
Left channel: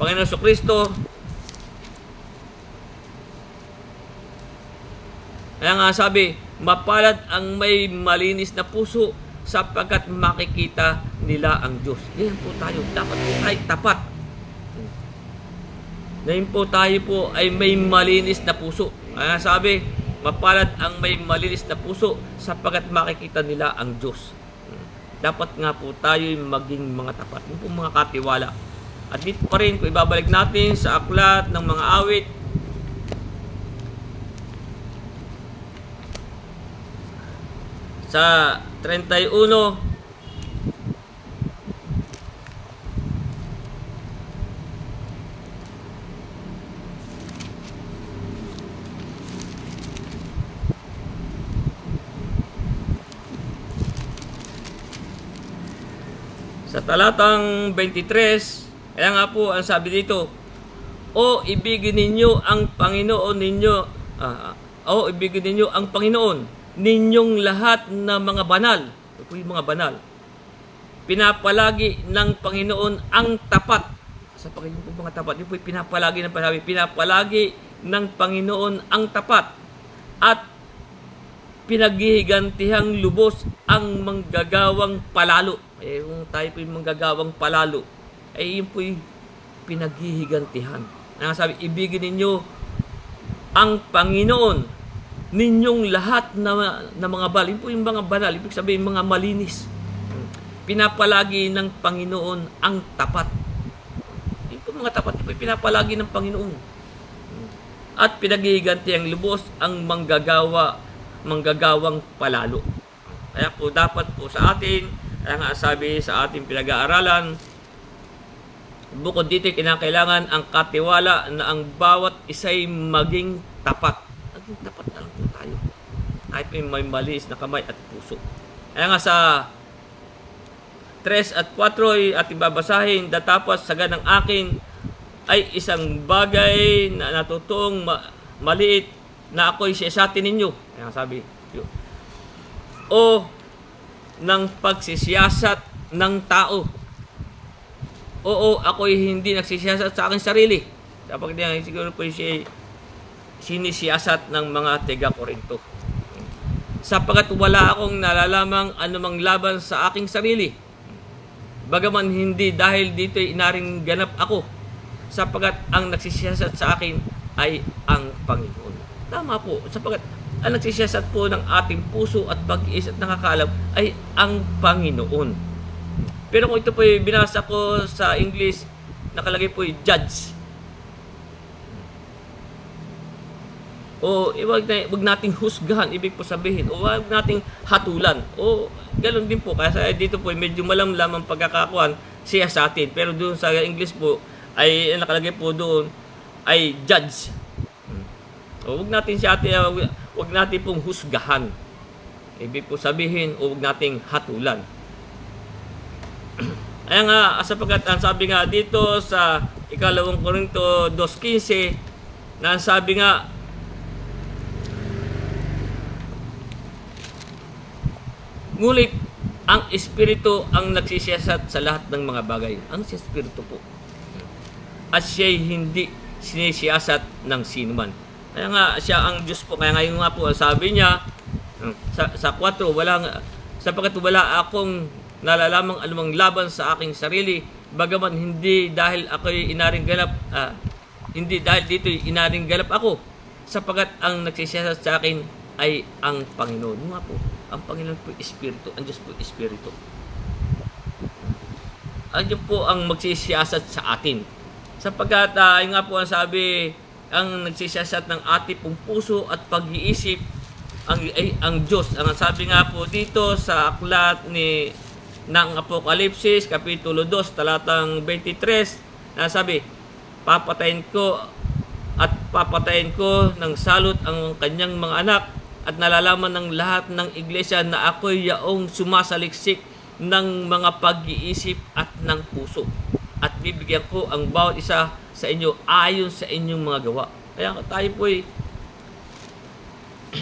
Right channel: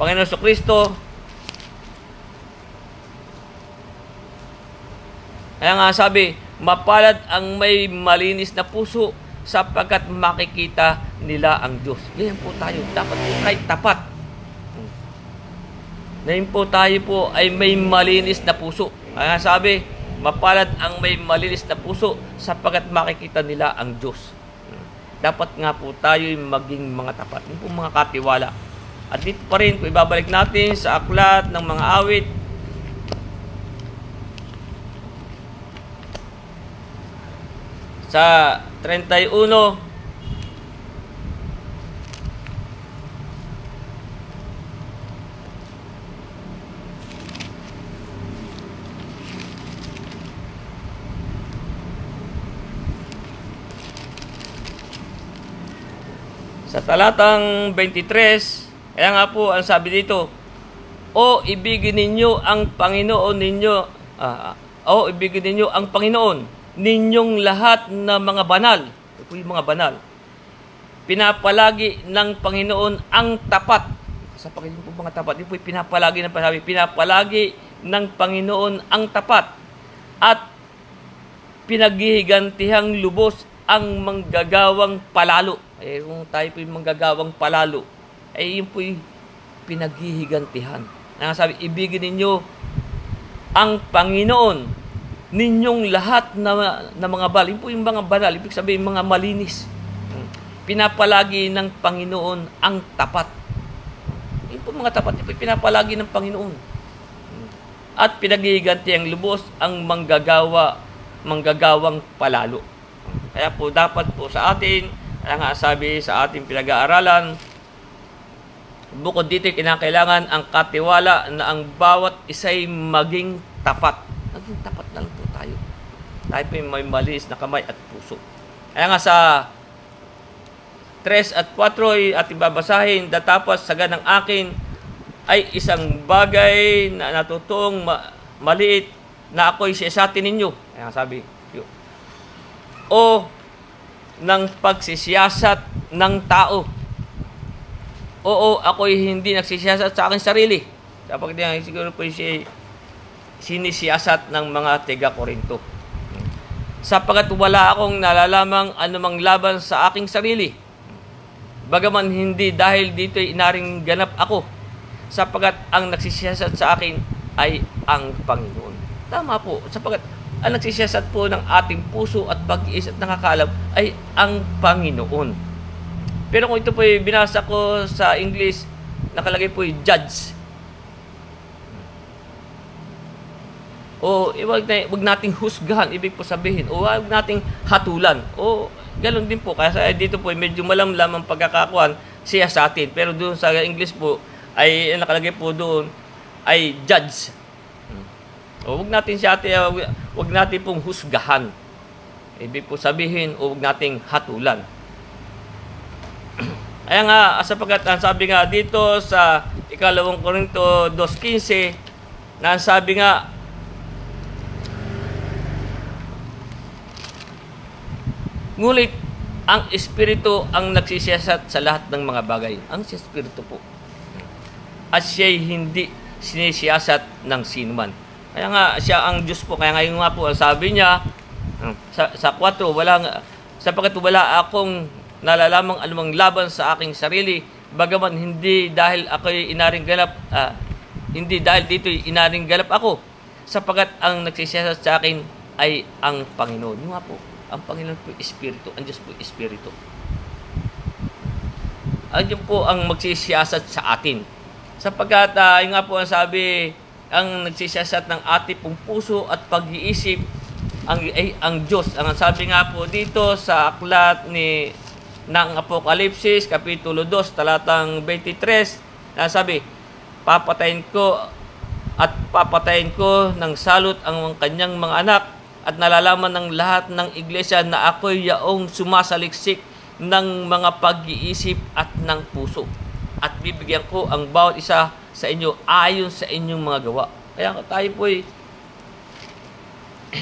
Panginoon Jesucristo, kaya nga sabi, mapalad ang may malinis na puso, sapagkat makikita nila ang Diyos. Yan po tayo. Dapat po tayo tapat. Ngayon po tayo po ay may malinis na puso. Kaya nga sabi, Mapalad ang may malinis na puso sapagkat makikita nila ang Diyos. Dapat nga po tayo maging mga tapat. Yun po mga katiwala. At dito pa rin, kung ibabalik natin sa aklat ng mga awit, sa 31, sa talatang 23, kaya nga po ang sabi dito, o ibigin ninyo ang Panginoon ninyo, o ibigin ninyo ang Panginoon ninyong lahat na mga banal. Ito po yung mga banal. Pinapalagi ng Panginoon ang tapat. Sa Panginoon po mga tapat. Ito po yung pinapalagi ng Panginoon. Pinapalagi ng Panginoon ang tapat. At pinaghihigantihan lubos ang manggagawang palalo. Eh, kung tayo po yung manggagawang palalo, eh yun po yung pinaghihigantihan. Sabi, ibigin ninyo ang Panginoon ninyong lahat na mga banal. Yun po yung mga banal. Ibig sabihin, mga malinis. Pinapalagi ng Panginoon ang tapat. Yun po mga tapat. Yun po pinapalagi ng Panginoon. At pinaghihigantihan lubos ang manggagawang palalo. Kaya po dapat po sa atin, kaya nga sabi sa ating pinag-aaralan, bukod dito kinakailangan ang katiwala na ang bawat isa'y maging tapat. Maging tapat lang po tayo. Tayo po may malinis na kamay at puso. Kaya nga sa 3 at 4 ay ating babasahin, datapos saga ng akin ay isang bagay na natutong maliit na ako'y siyasatin ninyo. Kaya sabi, o ng pagsisiyasat ng tao. Oo, ako'y hindi nagsisiyasat sa aking sarili. Dapat siguro po sinisiyasat ng mga taga-Korinto. Sapagat wala akong nalalamang anumang laban sa aking sarili. Bagaman hindi dahil dito'y inaring ganap ako. Sapagat ang nagsisiyasat sa akin ay ang Panginoon. Tama po, sapagat ang nagsisiyasat po ng ating puso at pag-iisip at nakakalam ay ang Panginoon. Pero kung ito po binasa ko sa English, nakalagay po yung judge. O wag nating husgahan, ibig po sabihin. O wag nating hatulan. O ganoon din po. Kasi dito po medyo malamlam ang pagkakakuan siya sa atin. Pero doon sa English po, ay nakalagay po doon, ay judge. O wag natin siya atin, wag natin pong husgahan. Ibig po sabihin, o wag nating hatulan. Kaya nga, sapagkat ang sabi nga dito sa 2 Korinto 2:15, na sabi nga, ngulit ang Espiritu ang nagsisiyasat sa lahat ng mga bagay. Ang Espiritu po. At siya'y hindi sinisiyasat ng sinuman. Kaya nga, siya ang Diyos po. Kaya ngayon nga po, sabi niya, sa 4, sapagkat wala akong nalalamang anumang laban sa aking sarili, bagaman hindi dahil ako'y inaring ganap, hindi dahil dito'y inaring ganap ako, sapagkat ang nagsisiyasat sa akin ay ang Panginoon. Nga po, ang Panginoon po Espiritu, ang Diyos po Espiritu. Ang Diyos po ang magsisiyasat sa atin. Sapagkat, yung nga po ang sabi, ang nagsisiyasat ng ating pong puso at pag-iisip, ang Diyos. Ang sabi nga po dito sa aklat ng Apokalipsis, Kapitulo 2, talatang 23, na sabi, papatayin ko ng salot ang kanyang mga anak, at nalalaman ng lahat ng iglesia na ako'y yaong sumasaliksik ng mga pag-iisip at ng puso. At bibigyan ko ang bawat isa sa inyo ayon sa inyong mga gawa. Kaya tayo po'y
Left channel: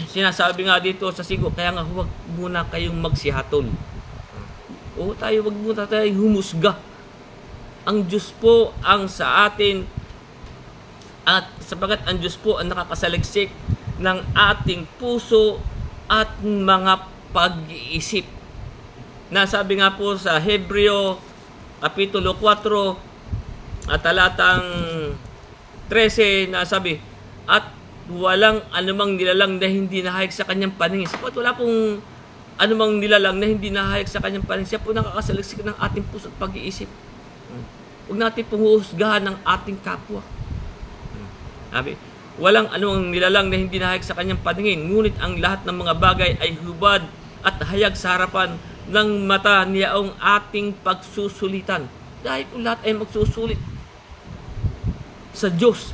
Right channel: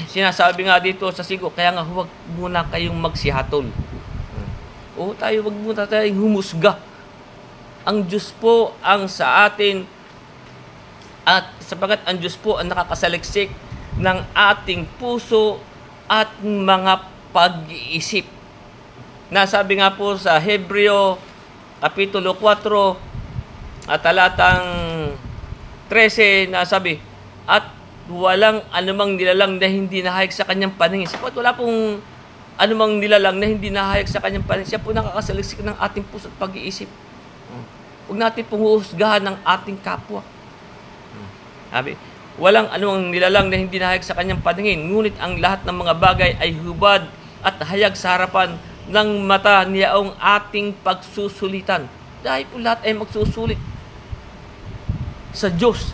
sinasabi nga dito sa sigo, kaya nga huwag muna kayong magsihatol. O tayo, huwag muna tayong humusga. Ang Diyos po ang sa atin, at sapagat ang Diyos po ang nakakasaliksik ng ating puso at mga pag-iisip. Nasabi nga po sa Hebreo Kapitulo 4 at talatang 13, nasabi, at walang anumang nilalang na hindi nahayag sa kanyang paningin. Sapagkat wala pong anumang nilalang na hindi nahayag sa kanyang paningin. Siya po nakakasaliksik ng ating puso at pag-iisip. Huwag natin pong huhusgahan ng ating kapwa. Sabi, walang anumang nilalang na hindi nahayag sa kanyang paningin, ngunit ang lahat ng mga bagay ay hubad at hayag sa harapan ng mata niyaong ating pagsusulitan. Dahil po lahat ay magsusulit sa Diyos.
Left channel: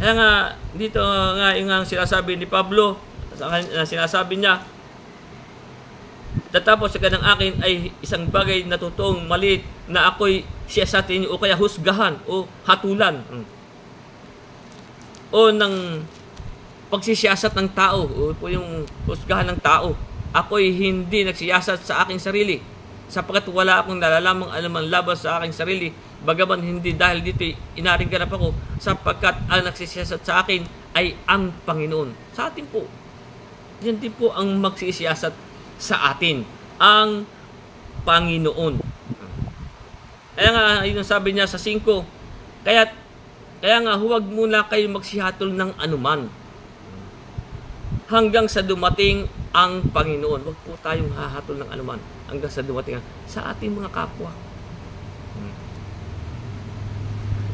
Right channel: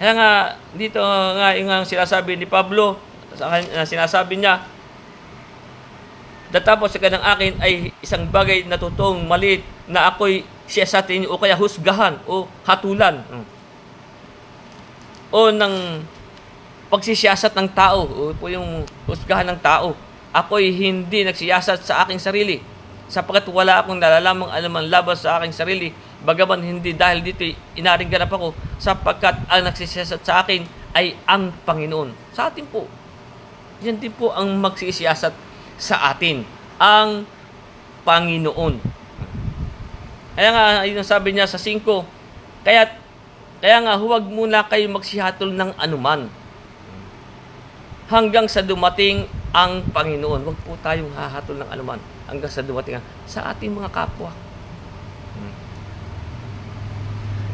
Kaya nga, dito nga yung sinasabi ni Pablo, sinasabi niya, tatapos sa kanang akin ay isang bagay na totoong maliit na ako'y siya sa atin o kaya husgahan o hatulan o ng pagsisiyasat ng tao o po yung husgahan ng tao. Ako'y hindi nagsiyasat sa aking sarili sapagkat wala akong nalalamang alamang laban sa aking sarili, bagaman hindi dahil dito inaring ganap ako, sapagkat ang nagsisiyasat sa akin ay ang Panginoon. Sa atin po, yan din po ang magsisiyasat sa atin, ang Panginoon. Kaya nga, yun sabi niya sa 5, kaya nga huwag muna kayo magsihatol ng anuman hanggang sa dumating ang Panginoon. Huwag po tayong hahatol ng anuman hanggang sa dumating sa ating mga kapwa.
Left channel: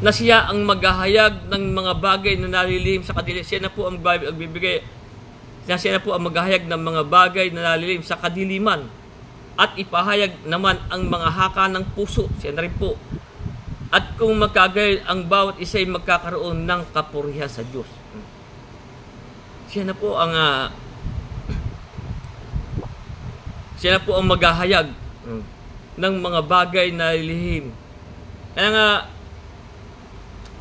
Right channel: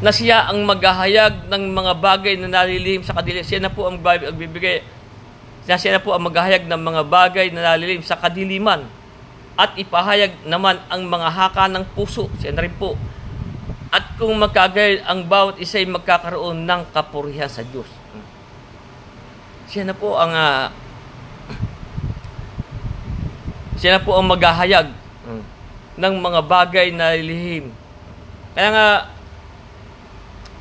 Na siya ang maghahayag ng mga bagay na nalilihim sa kadiliman. Siya na po ang magbibigay. Siya na po ang maghahayag ng mga bagay na nalilihim sa kadiliman. At ipahayag naman ang mga haka ng puso. Siya na rin po. At kung magkagayad ang bawat isa ay magkakaroon ng kapurihan sa Diyos. Siya na po ang maghahayag ng mga bagay na nalilihim. Kaya nga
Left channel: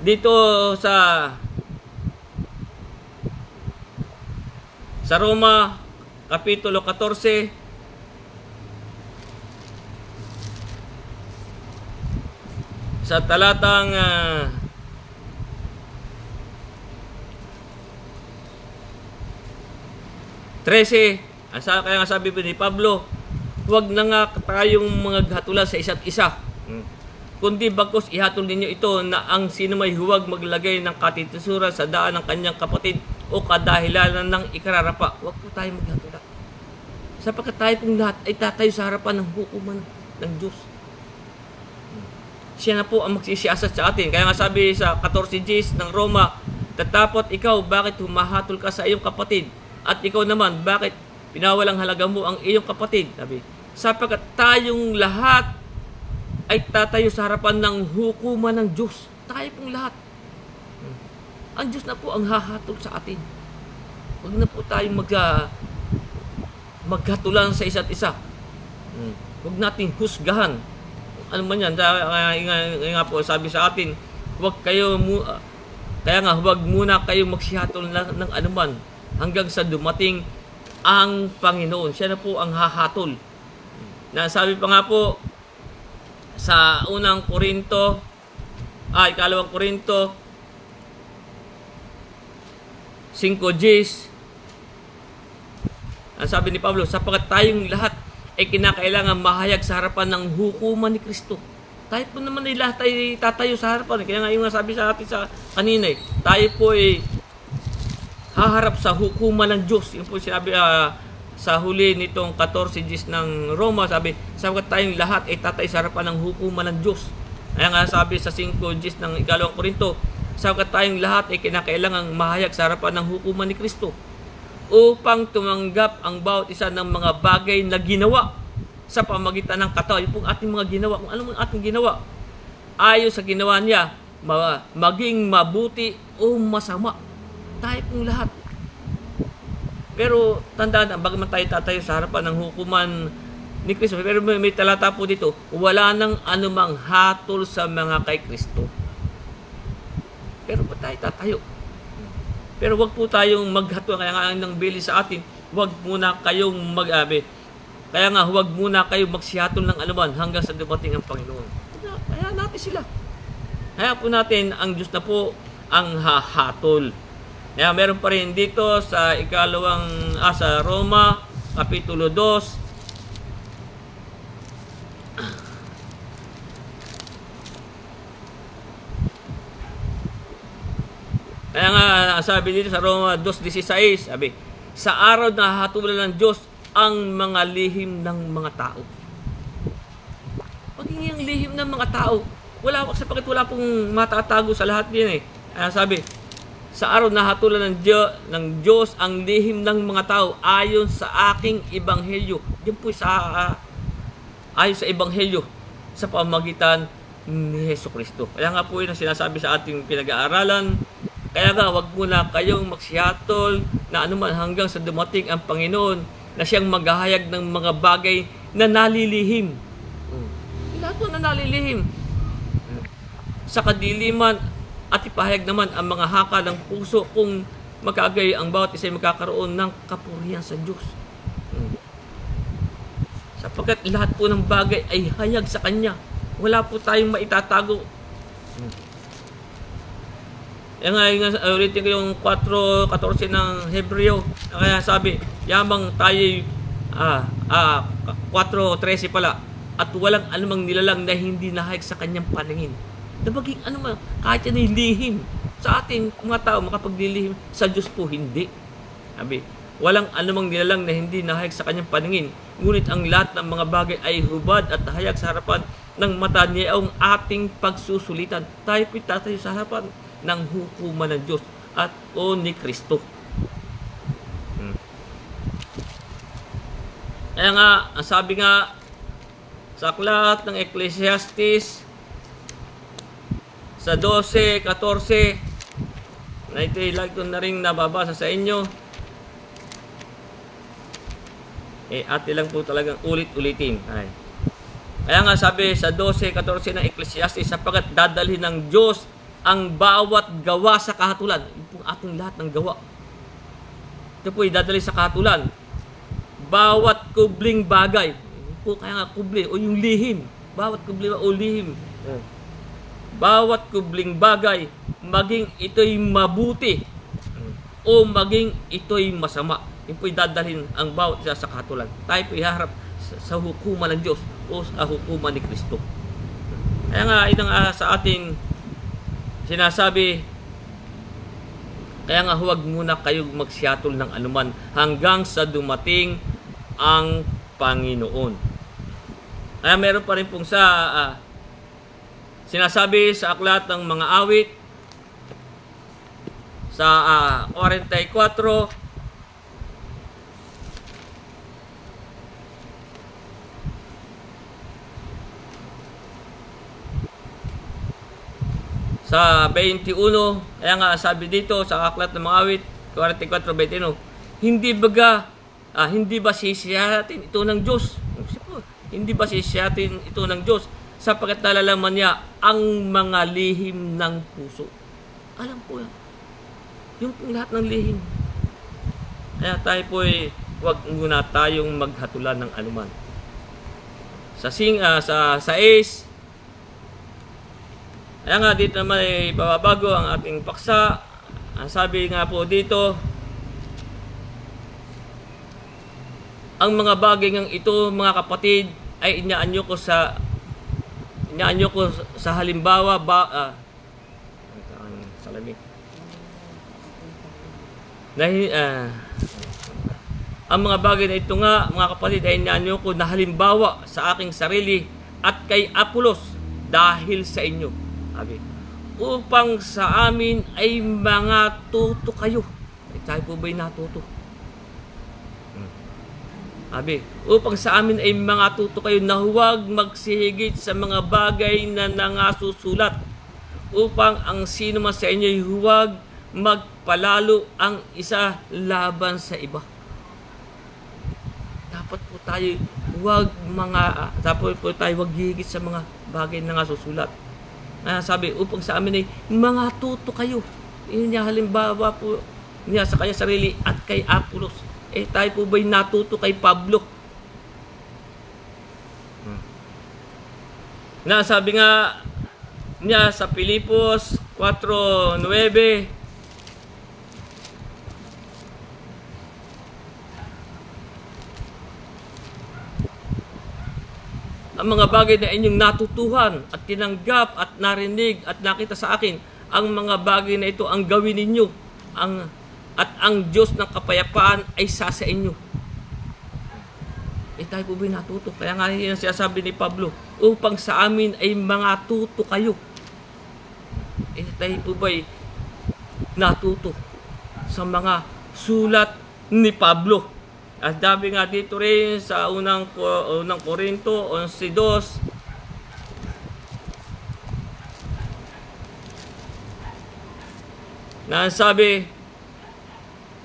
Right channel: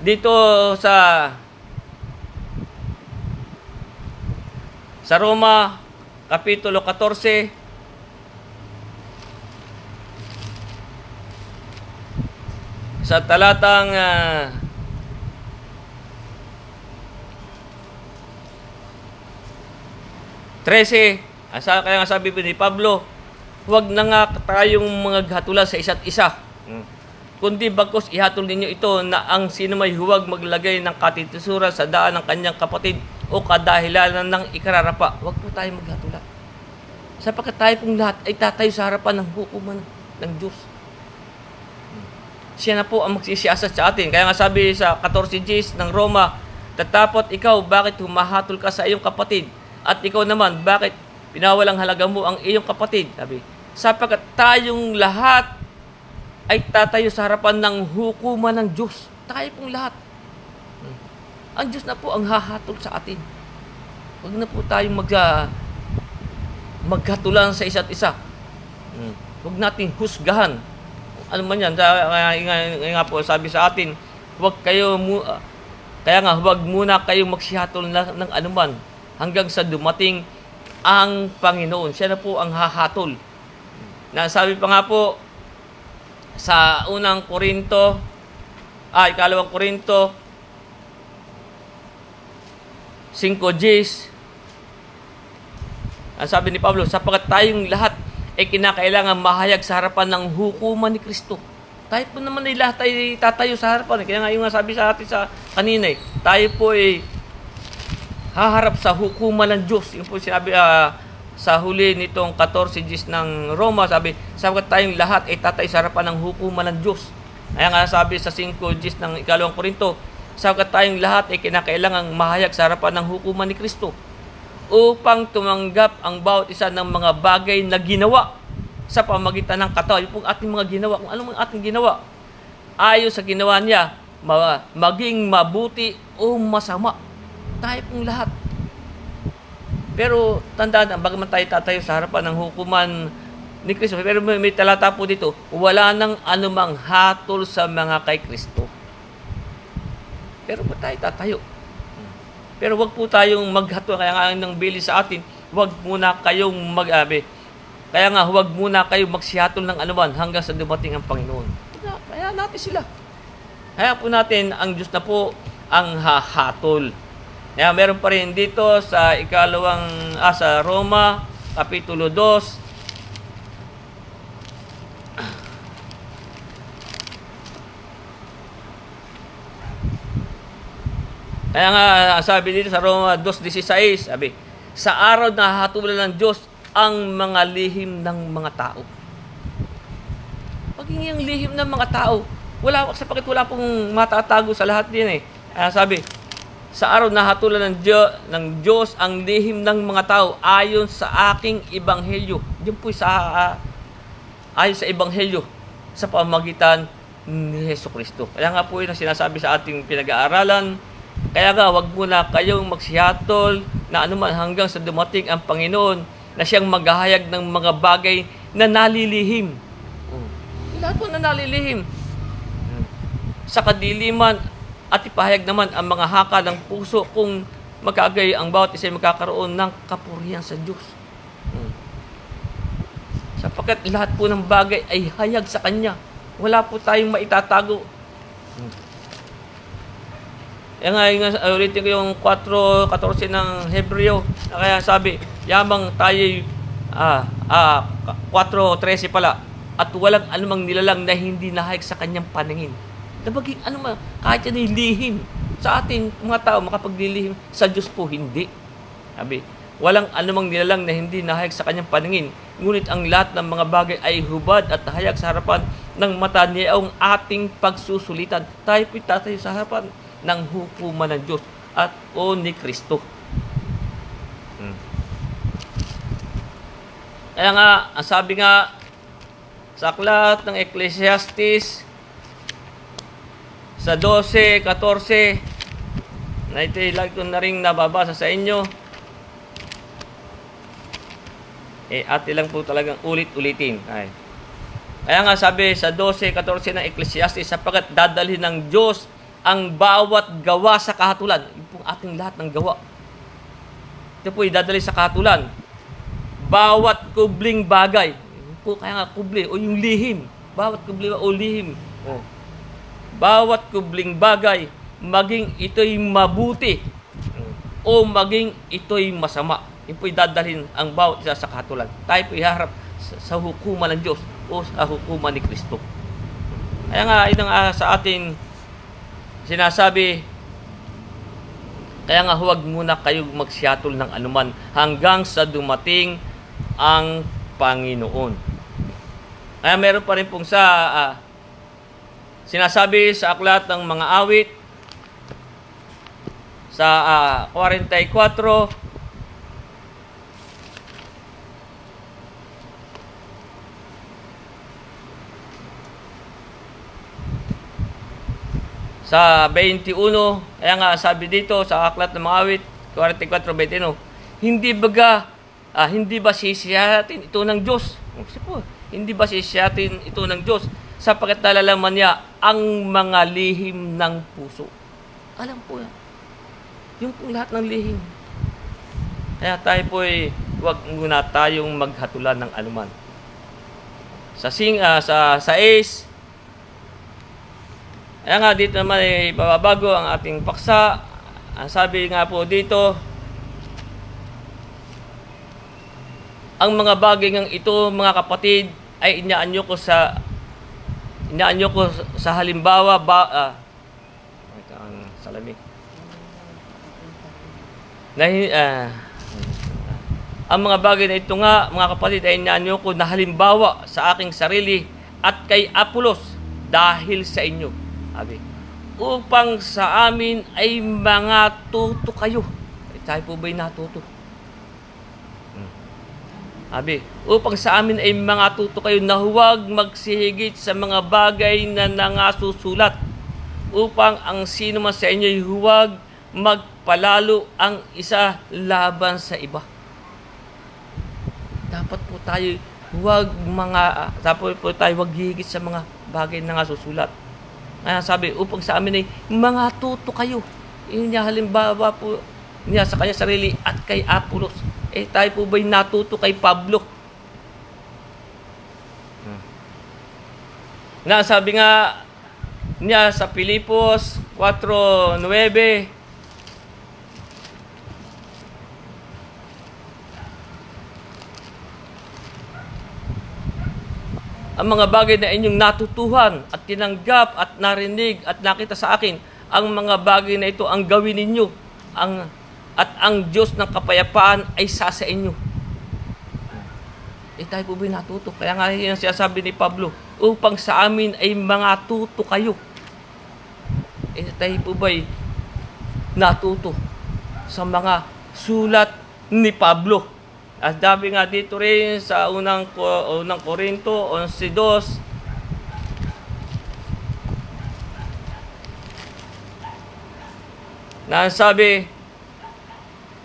dito sa Roma kapitulo 14 sa talatang 13, kaya nga sabi ni Pablo, huwag na nga tayong mga hatulan sa isa't isa. Kundi bagkus ihatol ninyo ito na ang sino may huwag maglagay ng katitisuran sa daan ng kanyang kapatid o kadahilanan ng ikararapa. Huwag po tayo maghatulan. Sapagkat tayo pong lahat ay tatayo sa harapan ng hukuman ng Diyos. Siya na po ang magsisiyasat sa atin. Kaya nga sabi sa 14 ng Roma, tatapot ikaw, bakit humahatol ka sa iyong kapatid? At ikaw naman, bakit pinawalang halaga mo ang iyong kapatid? Sabi, sapagkat tayong lahat ay tatayo sa harapan ng hukuman ng Diyos. Tayo pong lahat. Ang Diyos na po ang hahatol sa atin. Huwag na po tayong maghatulan sa isa't isa. Huwag nating husgahan. Ano man yan, nga po sabi sa atin, kaya huwag muna kayong magsihatol ng anuman hanggang sa dumating ang Panginoon. Siya na po ang hahatol. Sabi pa nga po, sa ikalawang Korinto 5:10, ang sabi ni Pablo, sapagkat tayong lahat ay kinakailangan mahayag sa harapan ng hukuman ni Kristo. Tayo po naman ay lahat ay tatayo sa harapan. Kaya nga yung sabi sa atin sa kanina, tayo po ay haharap sa hukuman ng Diyos. Yung po sinabi sa huli nitong 14 ng Roma, sabi, sapagkat tayong lahat ay tatay sa harapan ng hukuman ng Diyos. Kaya nga sabi sa 5 ng ikalawang Korinto, sapagkat tayong lahat ay kinakailangang mahayag sa harapan ng hukuman ni Kristo upang tumanggap ang bawat isa ng mga bagay na ginawa sa pamagitan ng katawan. Yung ating mga ginawa, kung anong ating ginawa, ayon sa ginawa niya, maging mabuti o masama. Tayo pong lahat. Pero tandaan, bagaman tayo tatayo sa harapan ng hukuman ni Kristo, pero may talata po dito, wala nang anumang hatol sa mga kay Kristo. Pero ba tayo tatayo? Pero wag po tayong maghatol. Kaya nga nang bili sa atin, wag muna kayong kaya nga huwag muna kayong magsihatol ng anuman hanggang sa dumating ang Panginoon. Kaya natin sila. Kaya po natin, ang Diyos na po ang hahatol. Kaya meron pa rin dito sa sa Roma, Kapitulo 2. Kaya nga, sabi dito sa Roma 2:16, sabi, sa araw na hahatulan ng Diyos ang mga lihim ng mga tao. Pagiging ang lihim ng mga tao, sapagkat wala pong matatago sa lahat din eh. Sabi, sa araw na hatulan ng Diyos ang lihim ng mga tao ayon sa aking ebanghelyo. Diyan po ayon sa ebanghelyo sa pamamagitan ni Jesucristo. Kaya nga po yun ang sinasabi sa ating pinag-aaralan. Kaya nga, wag muna kayong magsihatol na anuman hanggang sa dumating ang Panginoon na siyang maghahayag ng mga bagay na nalilihim. Lahat po na nalilihim. Sa kadiliman at ipahayag naman ang mga haka ng puso kung magkagay ang bawat isa magkakaroon ng kapurihan sa Diyos. Sapagkat lahat po ng bagay ay hayag sa Kanya. Wala po tayong maitatago. Ulitin ko yung 4:14 ng Hebreo. Kaya sabi, yamang tayo'y 4:13 pala. At walang anumang nilalang na hindi nahayag sa Kanyang paningin. Nabaging anuman, kahit yan ay lihim. Sa ating mga tao, makapaglilihim. Sa Diyos po, hindi. Sabi, walang anumang nilalang na hindi nahayag sa Kanyang paningin. Ngunit ang lahat ng mga bagay ay hubad at hayag sa harapan ng mata niya ang ating pagsusulitan. Tayo po'y tatayo sa harapan ng hukuman ng Diyos at ni Kristo. Kaya nga, ang sabi nga sa aklat ng Ecclesiastes sa 12:14 na ito'y lagi ko na rin nababasa sa inyo. Ate lang po talagang ulit-ulitin. Kaya nga sabi sa 12:14 ng Ecclesiastes, sapagkat dadalhin ng Diyos ang bawat gawa sa kahatulan. Ito po ating lahat ng gawa. Ito po idadali sa kahatulan. Bawat kubling bagay. Po, kaya nga kubli o yung lihim. Bawat kubli o lihim. Bawat kubling bagay, maging ito'y mabuti o maging ito'y masama. Ito po idadalhin ang bawat isa sa kahatulan. Tayo po iharap sa hukuman ng Diyos o sa hukuman ni Kristo. Kaya nga, ito nga sa ating sinasabi, kaya nga huwag muna kayong magsiyatol ng anuman hanggang sa dumating ang Panginoon. Kaya meron pa rin pong sinasabi sa aklat ng mga awit sa 44 sa 21, kaya nga sabi dito sa aklat ng mga awit 44:21, hindi ba sisiyatin ito ng Diyos? Hindi ba sisiyatin ito ng Diyos sapagkat nalalaman niya ang mga lihim ng puso. Alam po yan. Yung lahat ng lihim. Kaya tayo po huwag muna tayong maghatulan ng anuman. Sa 6, kaya nga dito naman ay pababago ang ating paksa. Ang sabi nga po dito, ang mga bagay ng ito, mga kapatid, ay inaanyo ko sa halimbawa ang mga bagay na ito nga, mga kapatid, ay inaanyo ko na halimbawa sa aking sarili at kay Apolos dahil sa inyo. Upang sa amin ay mga tuto kayo. Tayo po ba'y natuto? Upang sa amin ay mga tuto kayo na huwag magsihigit sa mga bagay na nangasusulat. Upang ang sino man sa inyo ay huwag magpalalo ang isa laban sa iba. Dapat po tayo huwag higit sa mga bagay na nangasusulat. Sabi, upang sa amin ay mga tuto kayo. Yung halimbawa po niya sa kanya sarili at kay Apolos. Tayo po ba'y natuto kay Pablo? Sabi nga niya sa Filipos 4:9, ang mga bagay na inyong natutuhan at tinanggap at narinig at nakita sa akin ang mga bagay na ito ang gawin ninyo, at ang Diyos ng kapayapaan ay sa inyo. Tayo po ba'y natuto? Kaya nga yung sinasabi ni Pablo, upang sa amin ay mga tuto kayo. Tayo po ba'y natuto sa mga sulat ni Pablo? At sabi nga dito rin sa unang Korinto 11:2, na sabi,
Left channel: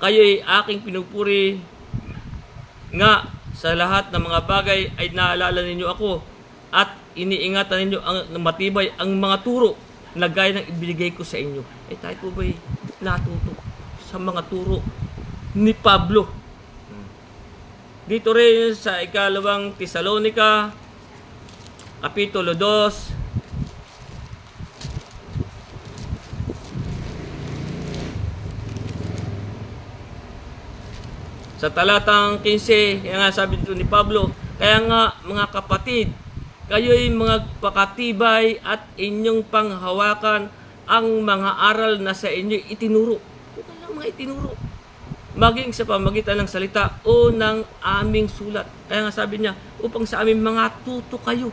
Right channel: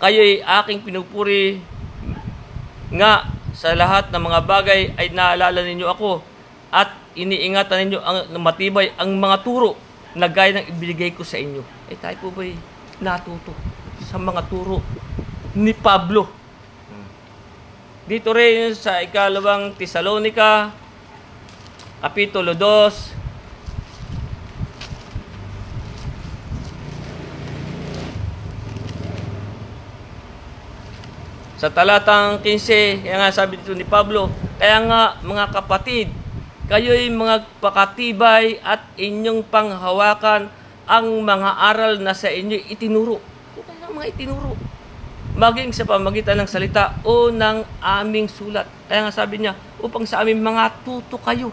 kayo'y aking pinupuri nga sa lahat ng mga bagay ay naalala ninyo ako at iniingatan ninyo ang matibay ang mga turo na gaya ng ibinigay ko sa inyo. Tayo po ba'y natuto sa mga turo ni Pablo? Dito rin sa ikalawang Tesalonica, Kapitulo 2, sa talatang 15, kaya nga sabi dito ni Pablo, kaya nga mga kapatid, kayo'y magpakatibay at inyong panghawakan ang mga aral na sa inyo itinuro. Kung ano mga itinuro, maging sa pamagitan ng salita o ng aming sulat. Kaya nga sabi niya, upang sa aming mga tuto kayo.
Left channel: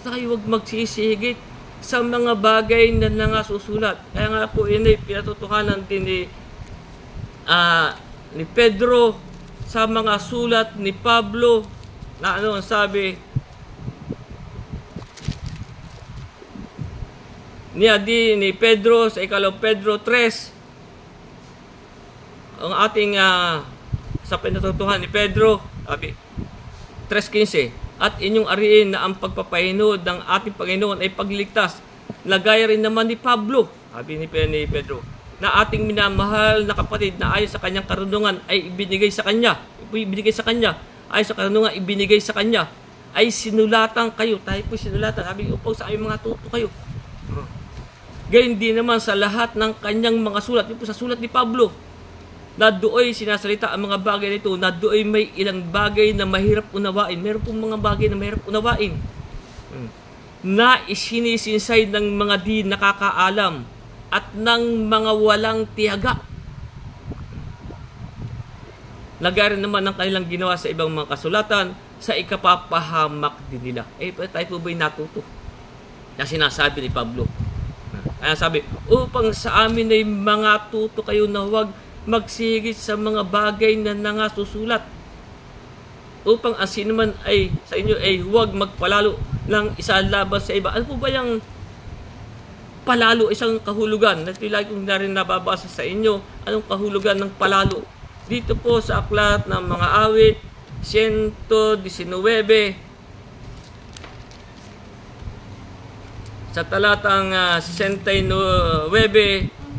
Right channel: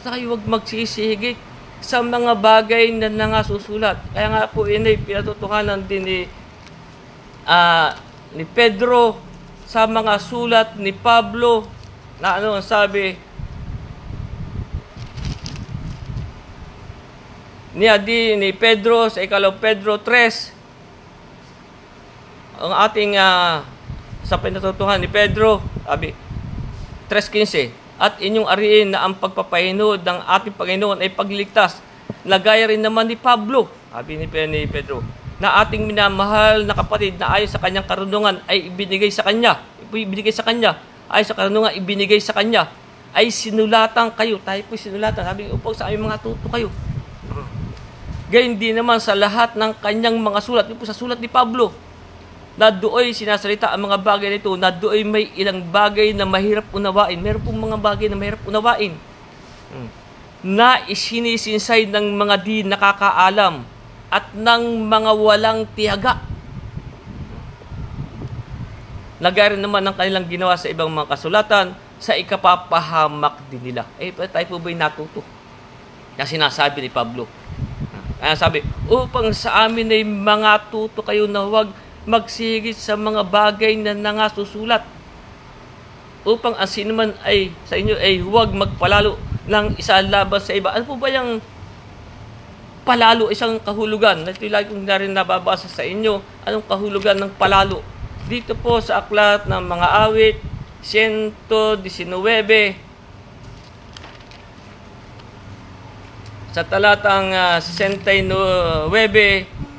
Tayo huwag magsisihigit sa mga bagay na nangasusulat. Kaya nga po, yun ay pinatutuhanan din ni Pedro sa mga sulat ni Pablo na ano ang sabi ni Pedro sa ikalawang Pedro 3, ang ating sa pinatutuhan ni Pedro, sabi 3:15, at inyong ariin na ang pagpapahinod ng ating Panginoon ay pagliligtas, na gaya rin naman ni Pablo, sabi ni Pedro, na ating minamahal na kapatid na ayon sa kanyang karunungan ay ibinigay sa kanya, ayon sa karunungan ibinigay sa kanya, ay sinulatan kayo. Tayo po sinulatan, sabi upang sa aming mga tuto kayo. Gayon din naman sa lahat ng kanyang mga sulat. Ito sa sulat ni Pablo, na do'y sinasalita ang mga bagay nito, na do'y may ilang bagay na mahirap unawain. Meron pong mga bagay na mahirap unawain, na isinisinsay ng mga di nakakaalam at ng mga walang tiyaga. Lagarin naman ng kanilang ginawa sa ibang mga kasulatan sa ikapapahamak din nila. Tayo po ba'y natuto? Yung sinasabi ni Pablo. Kaya sabi, upang sa amin ay mga tuto kayo na huwag magsihigit sa mga bagay na nangasusulat. Upang ang sinuman ay sa inyo ay huwag magpalalo ng isa laban sa iba. Ano po ba yung palalo, isang kahulugan? Ito lagi kong na rin nababasa sa inyo. Anong kahulugan ng palalo? Dito po sa aklat ng mga awit, 119, sa talatang 69,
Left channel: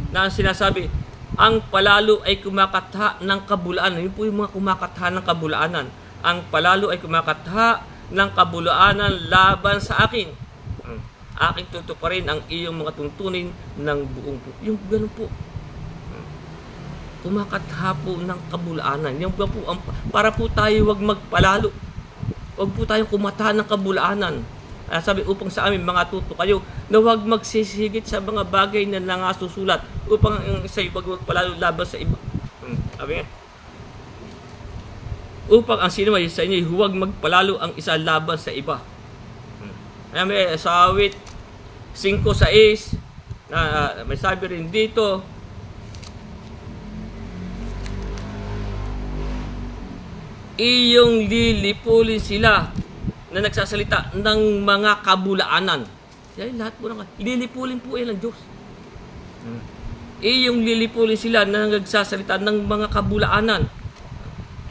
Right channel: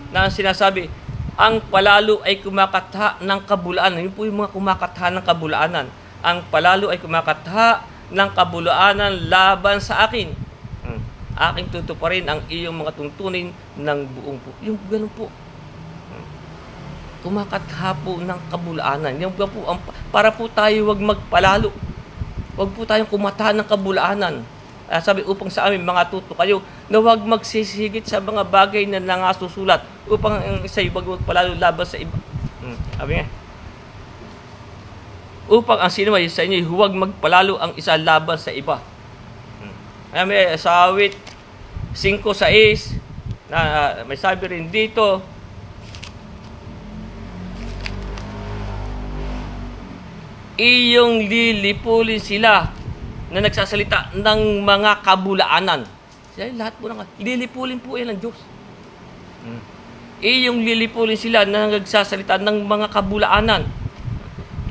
na sinasabi, ang palalo ay kumakatha ng kabulaanan. Yun po yung mga kumakatha ng kabulaanan. Ang palalo ay kumakatha ng kabulaanan laban sa akin. Aking tutuparin ang iyong mga tuntunin ng buong po. Yung ganun po. Kumakatha po ng kabulaanan. Yung po, para po tayo wag magpalalo. Wag po tayong kumatha ng kabulaanan. Sabi, upang sa amin mga tuto kayo na wag magsisigit sa mga bagay na nangasusulat, upang ang isa'y wag magpalalo laban sa iba. Sabi nga, upang ang sinumay sa inyo huwag magpalalo ang isa laban sa iba. May sa awit 5:6 na may sabi rin dito, iyong lilipulin sila na nagsasalita ng mga kabulaanan. Lahat po naman, lilipulin po yan ng Diyos. Iyong lilipulin sila na nagsasalita ng mga kabulaanan.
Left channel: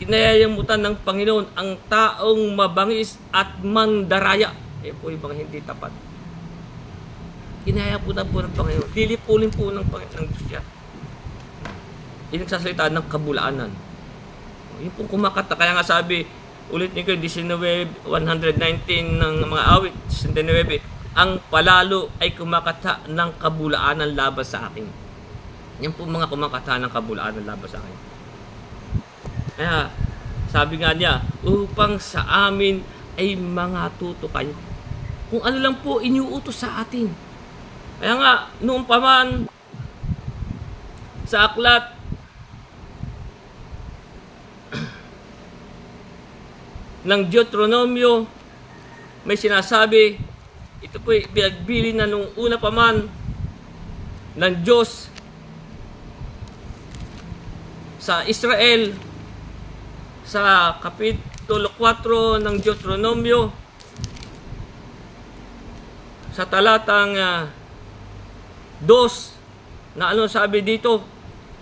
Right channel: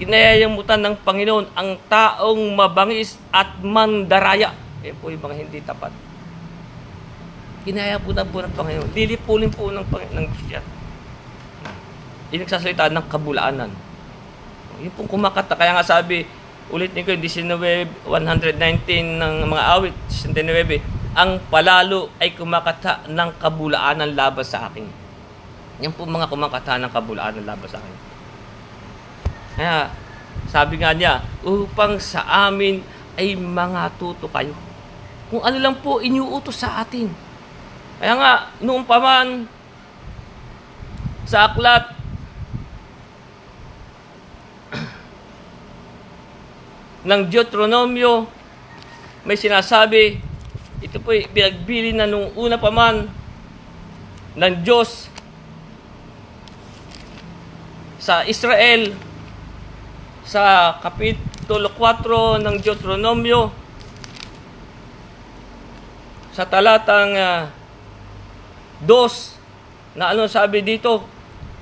Kinayayamutan ng Panginoon ang taong mabangis at mandaraya. Po yung mga hindi tapat. Kinayayamutan po ng Panginoon. Lilipulin po ng Diyos yan. Yung nagsasalita ng kabulaanan. Yung pong kumakata. Kaya nga sabi, ulit ni ko, 119 ng mga awit, 19, ang palalo ay kumakata ng kabulaanan laban sa akin. Yan po mga kumakata ng kabulaanan laban sa akin. Kaya, sabi nga niya, upang sa amin ay mga tuto kayo. Kung ano lang po iniuutos sa atin. Kaya nga, noong pa man sa aklat ng Deuteronomio, may sinasabi, ito po pinagbili na nung una pa man ng Diyos sa Israel sa Kapitulo 4 ng Deuteronomio sa talatang 2 na ano sabi dito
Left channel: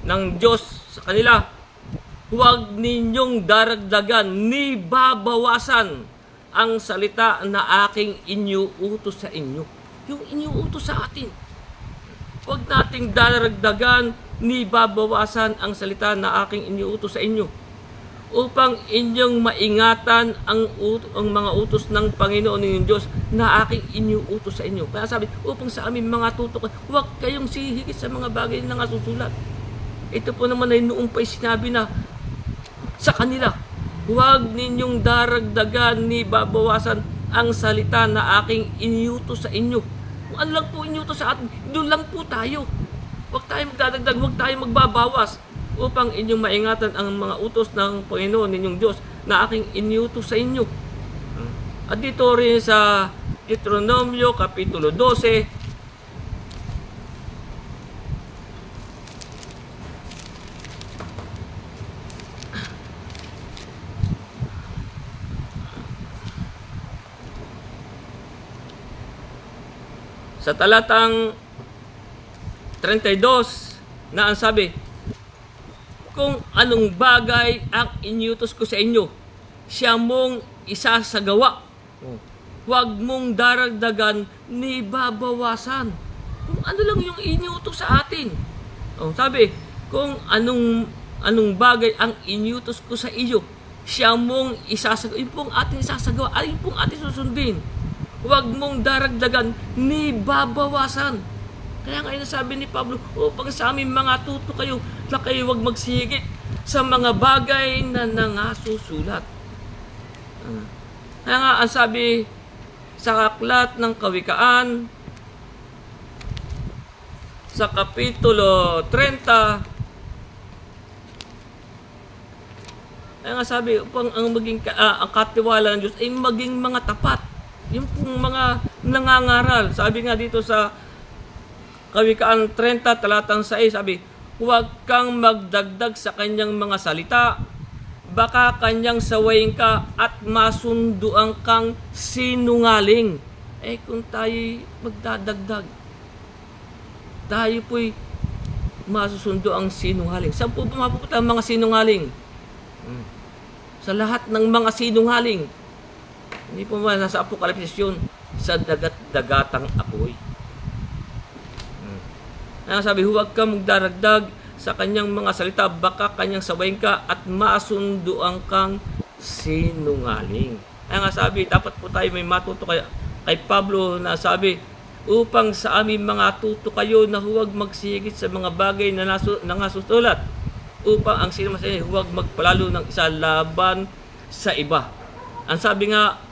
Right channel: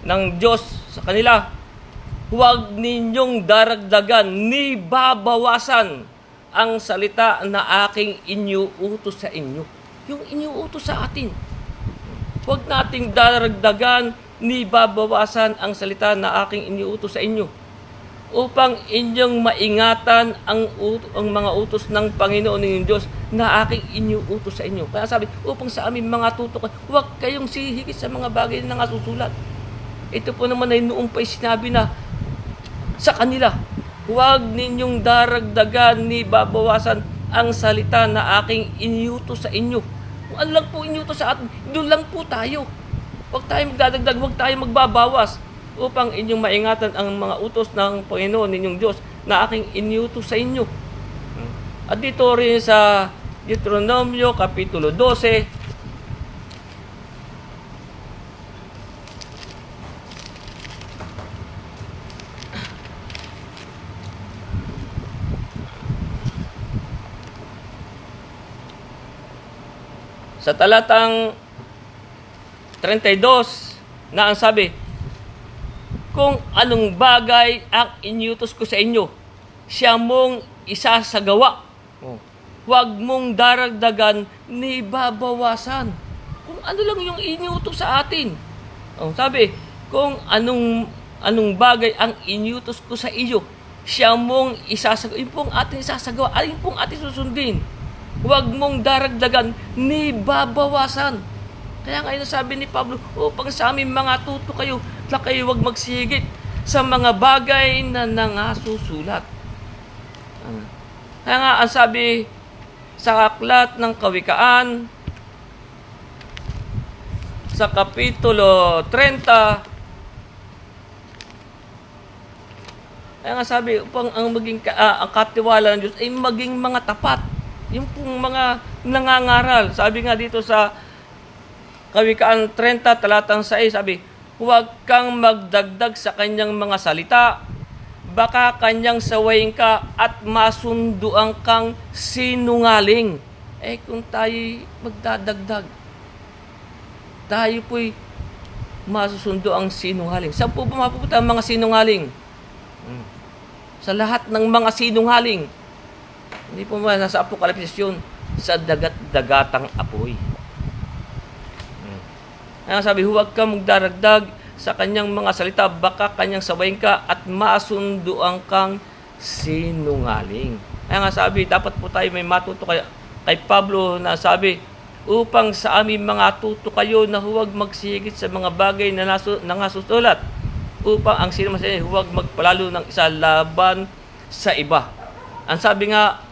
ng Diyos sa kanila, huwag ninyong daragdagan ni babawasan ang salita na aking iniuutos sa inyo. Yung iniuutos sa atin. Huwag nating daragdagan ni babawasan ang salita na aking iniuutos sa inyo, upang inyong maingatan ang mga utos ng Panginoon ninyong Diyos na aking iniuutos sa inyo. Kaya sabi, upang sa aming mga tutok, huwag kayong sihigit sa mga bagay na nasusulat. Ito po naman ay noong pa'y sinabi na sa kanila, huwag ninyong daragdagan ni babawasan ang salita na aking iniutos sa inyo. Kung ano lang po iniutos sa atin, doon lang po tayo. Huwag tayong magdadagdag, huwag tayong magbabawas, upang inyong maingatan ang mga utos ng Panginoon ninyong Diyos na aking iniutos sa inyo. At dito rin sa Deuteronomio Kapitulo 12, sa talatang 32 na ang sabi, kung anong bagay ang iniutos ko sa inyo, siya mong isasagawa. Huwag mong daragdagan ni babawasan. Kung ano lang yung iniutos sa atin. Sabi, kung anong bagay ang iniutos ko sa iyo, siya mong isasagawa. Yun pong ating isasagawa. Ayun pong ating susundin. Huwag mong daragdagan ni babawasan. Kaya ngayon sabi ni Pablo, upang sa aming mga tuto kayo, na kayo huwag magsigit sa mga bagay na nangasusulat. Kaya nga ang sabi sa aklat ng Kawikaan, sa Kapitulo 30, kaya nga sabi, upang ang katiwala ng Diyos ay maging mga tapat. Yung pong mga nangangaral. Sabi nga dito sa Kawikaan 30, talatang 6, sabi, huwag kang magdagdag sa kanyang mga salita, baka kanyang sawayin ka at masunduan kang sinungaling. Kung tayo magdadagdag, tayo po'y masusundo ang sinungaling. Saan po mapupunta ang mga sinungaling? Sa lahat ng mga sinungaling. Hindi po ba nasa Apokalipsis yun? Sa dagat-dagatang apoy. Kaya sabi, huwag kang magdaragdag sa kanyang mga salita, baka kanyang sabayin ka at masunduan kang sinungaling. Kaya nga sabi, dapat po tayo may matuto kay Pablo na sabi, upang sa aming mga tuto kayo na huwag magsigit sa mga bagay na nangasusulat, upang ang sino sa inyo huwag magpalalo ng isa laban sa iba. Ang sabi nga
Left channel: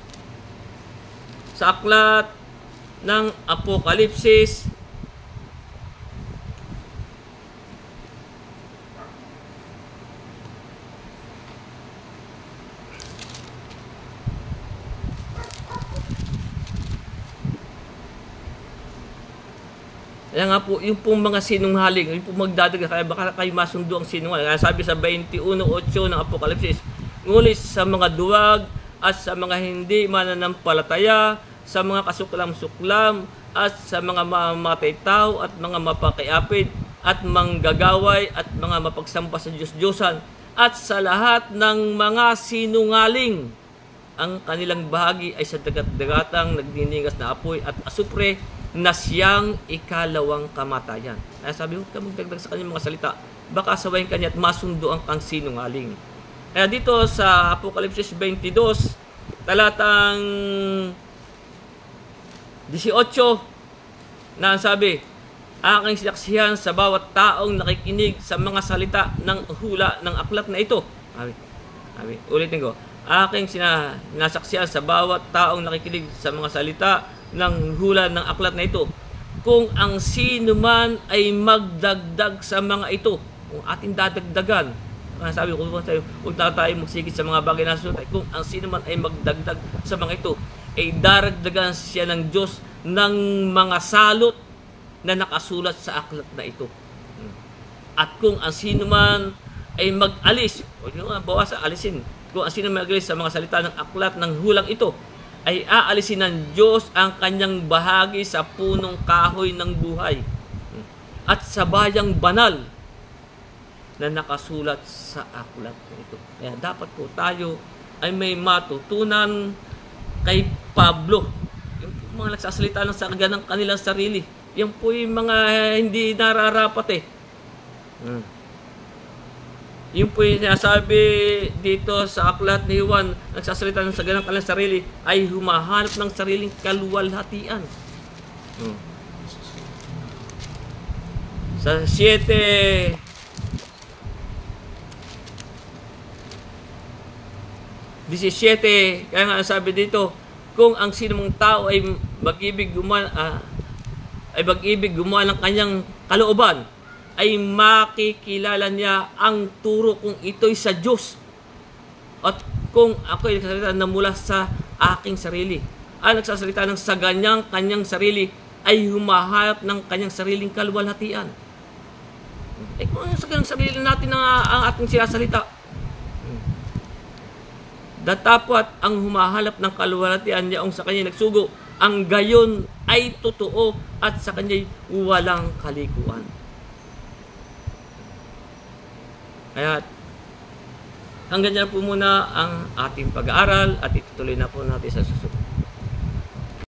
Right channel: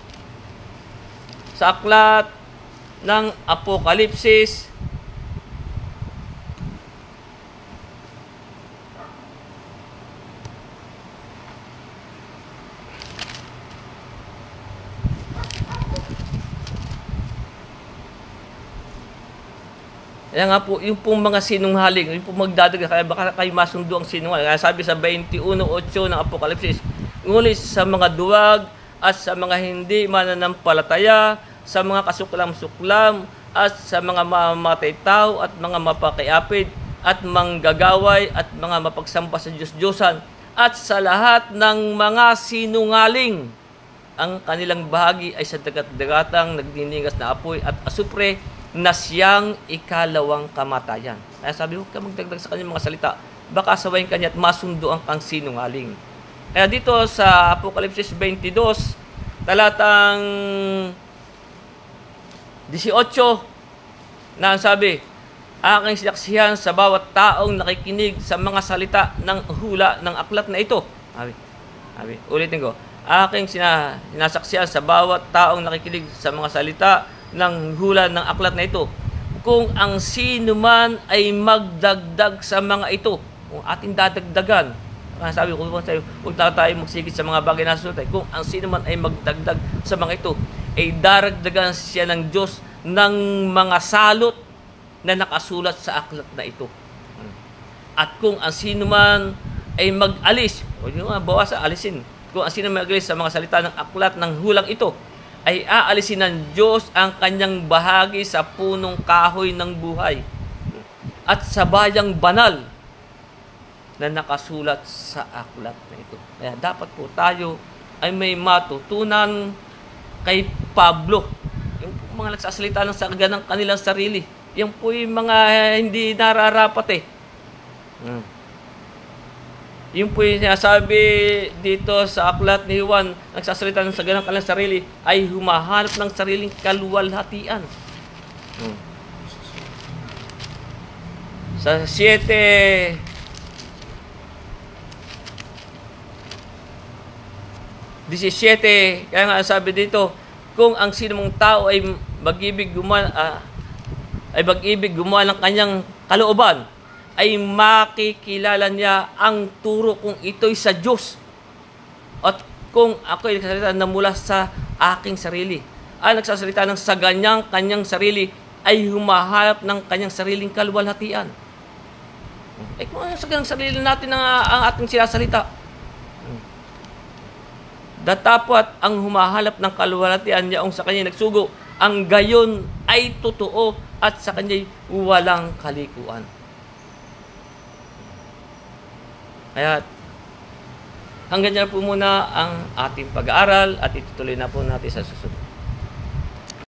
sa aklat ng Apokalipsis, kaya nga po, yung pong mga sinungaling, yung pong magdadaga, kaya baka kayo masundo ang sinungaling. Kaya sabi sa 21:8 ng Apokalipsis, ngunit sa mga duwag at sa mga hindi mananampalataya, sa mga kasuklam-suklam at sa mga mamamatay tao at mga mapakiapid at manggagaway at mga mapagsamba sa Diyos-Diyosan at sa lahat ng mga sinungaling, ang kanilang bahagi ay sa dagat-dagatang nagdiningas na apoy at asupre na siyang ikalawang kamatayan. Kaya sabi, huwag ka magdagdag sa kanyang mga salita, baka sawayin kanya at masunduan kang sinungaling. Kaya dito sa Apokalipsis 22, talatang 18, na ang sabi, aking sinaksihan sa bawat taong nakikinig sa mga salita ng hula ng aklat na ito. Ulitin ko, aking sinasaksihan sa bawat taong nakikinig sa mga salita ng hula ng aklat na ito, kung ang sino man ay magdagdag sa mga ito, kung ating dadagdagan, sabi ko sa'yo, huwag na tayo magsigit sa mga bagay na susunod. Kung ang sino man ay magdagdag sa mga ito, ay daragdagan siya ng Diyos ng mga salot na nakasulat sa aklat na ito. At kung ang sino man ay mag-alis, huwag nyo nga bawasan, alisin. Kung ang sino man mag-alis sa mga salita ng aklat ng hulang ito, ay aalisin ng Diyos ang kanyang bahagi sa punong kahoy ng buhay at sa bayang banal na nakasulat sa aklat na ito. Kaya dapat po tayo ay may matutunan kay Pablo. Yung mga nagsasalita ng saga ng kanilang sarili. Yung po yung mga hindi nararapat eh. Yung po yung sinasabi dito sa aklat ni Juan, nagsasalita ng saga ng kanilang sarili, ay humahanap ng sariling kaluwalhatian. Sa 17, kaya nga sabi dito, kung ang sinumang tao ay mag-ibig gumawa ng kanyang kalooban, ay makikilala niya ang turo kung ito'y sa Diyos. At kung ako'y nagsasalita na mula sa aking sarili, ay nagsasalita ng sa kanyang sarili, ay humahanap ng kanyang sariling kaluwalhatian. Kung sa kanyang sarili natin ang ating sinasalita, datapwat ang humahanap ng kaluwalhatian niyaong sa kanya nagsugo, ang gayon ay totoo at sa kanya'y walang kalikuan. Kaya hanggang dyan po muna ang ating pag-aaral at itutuloy na po natin sa susunod.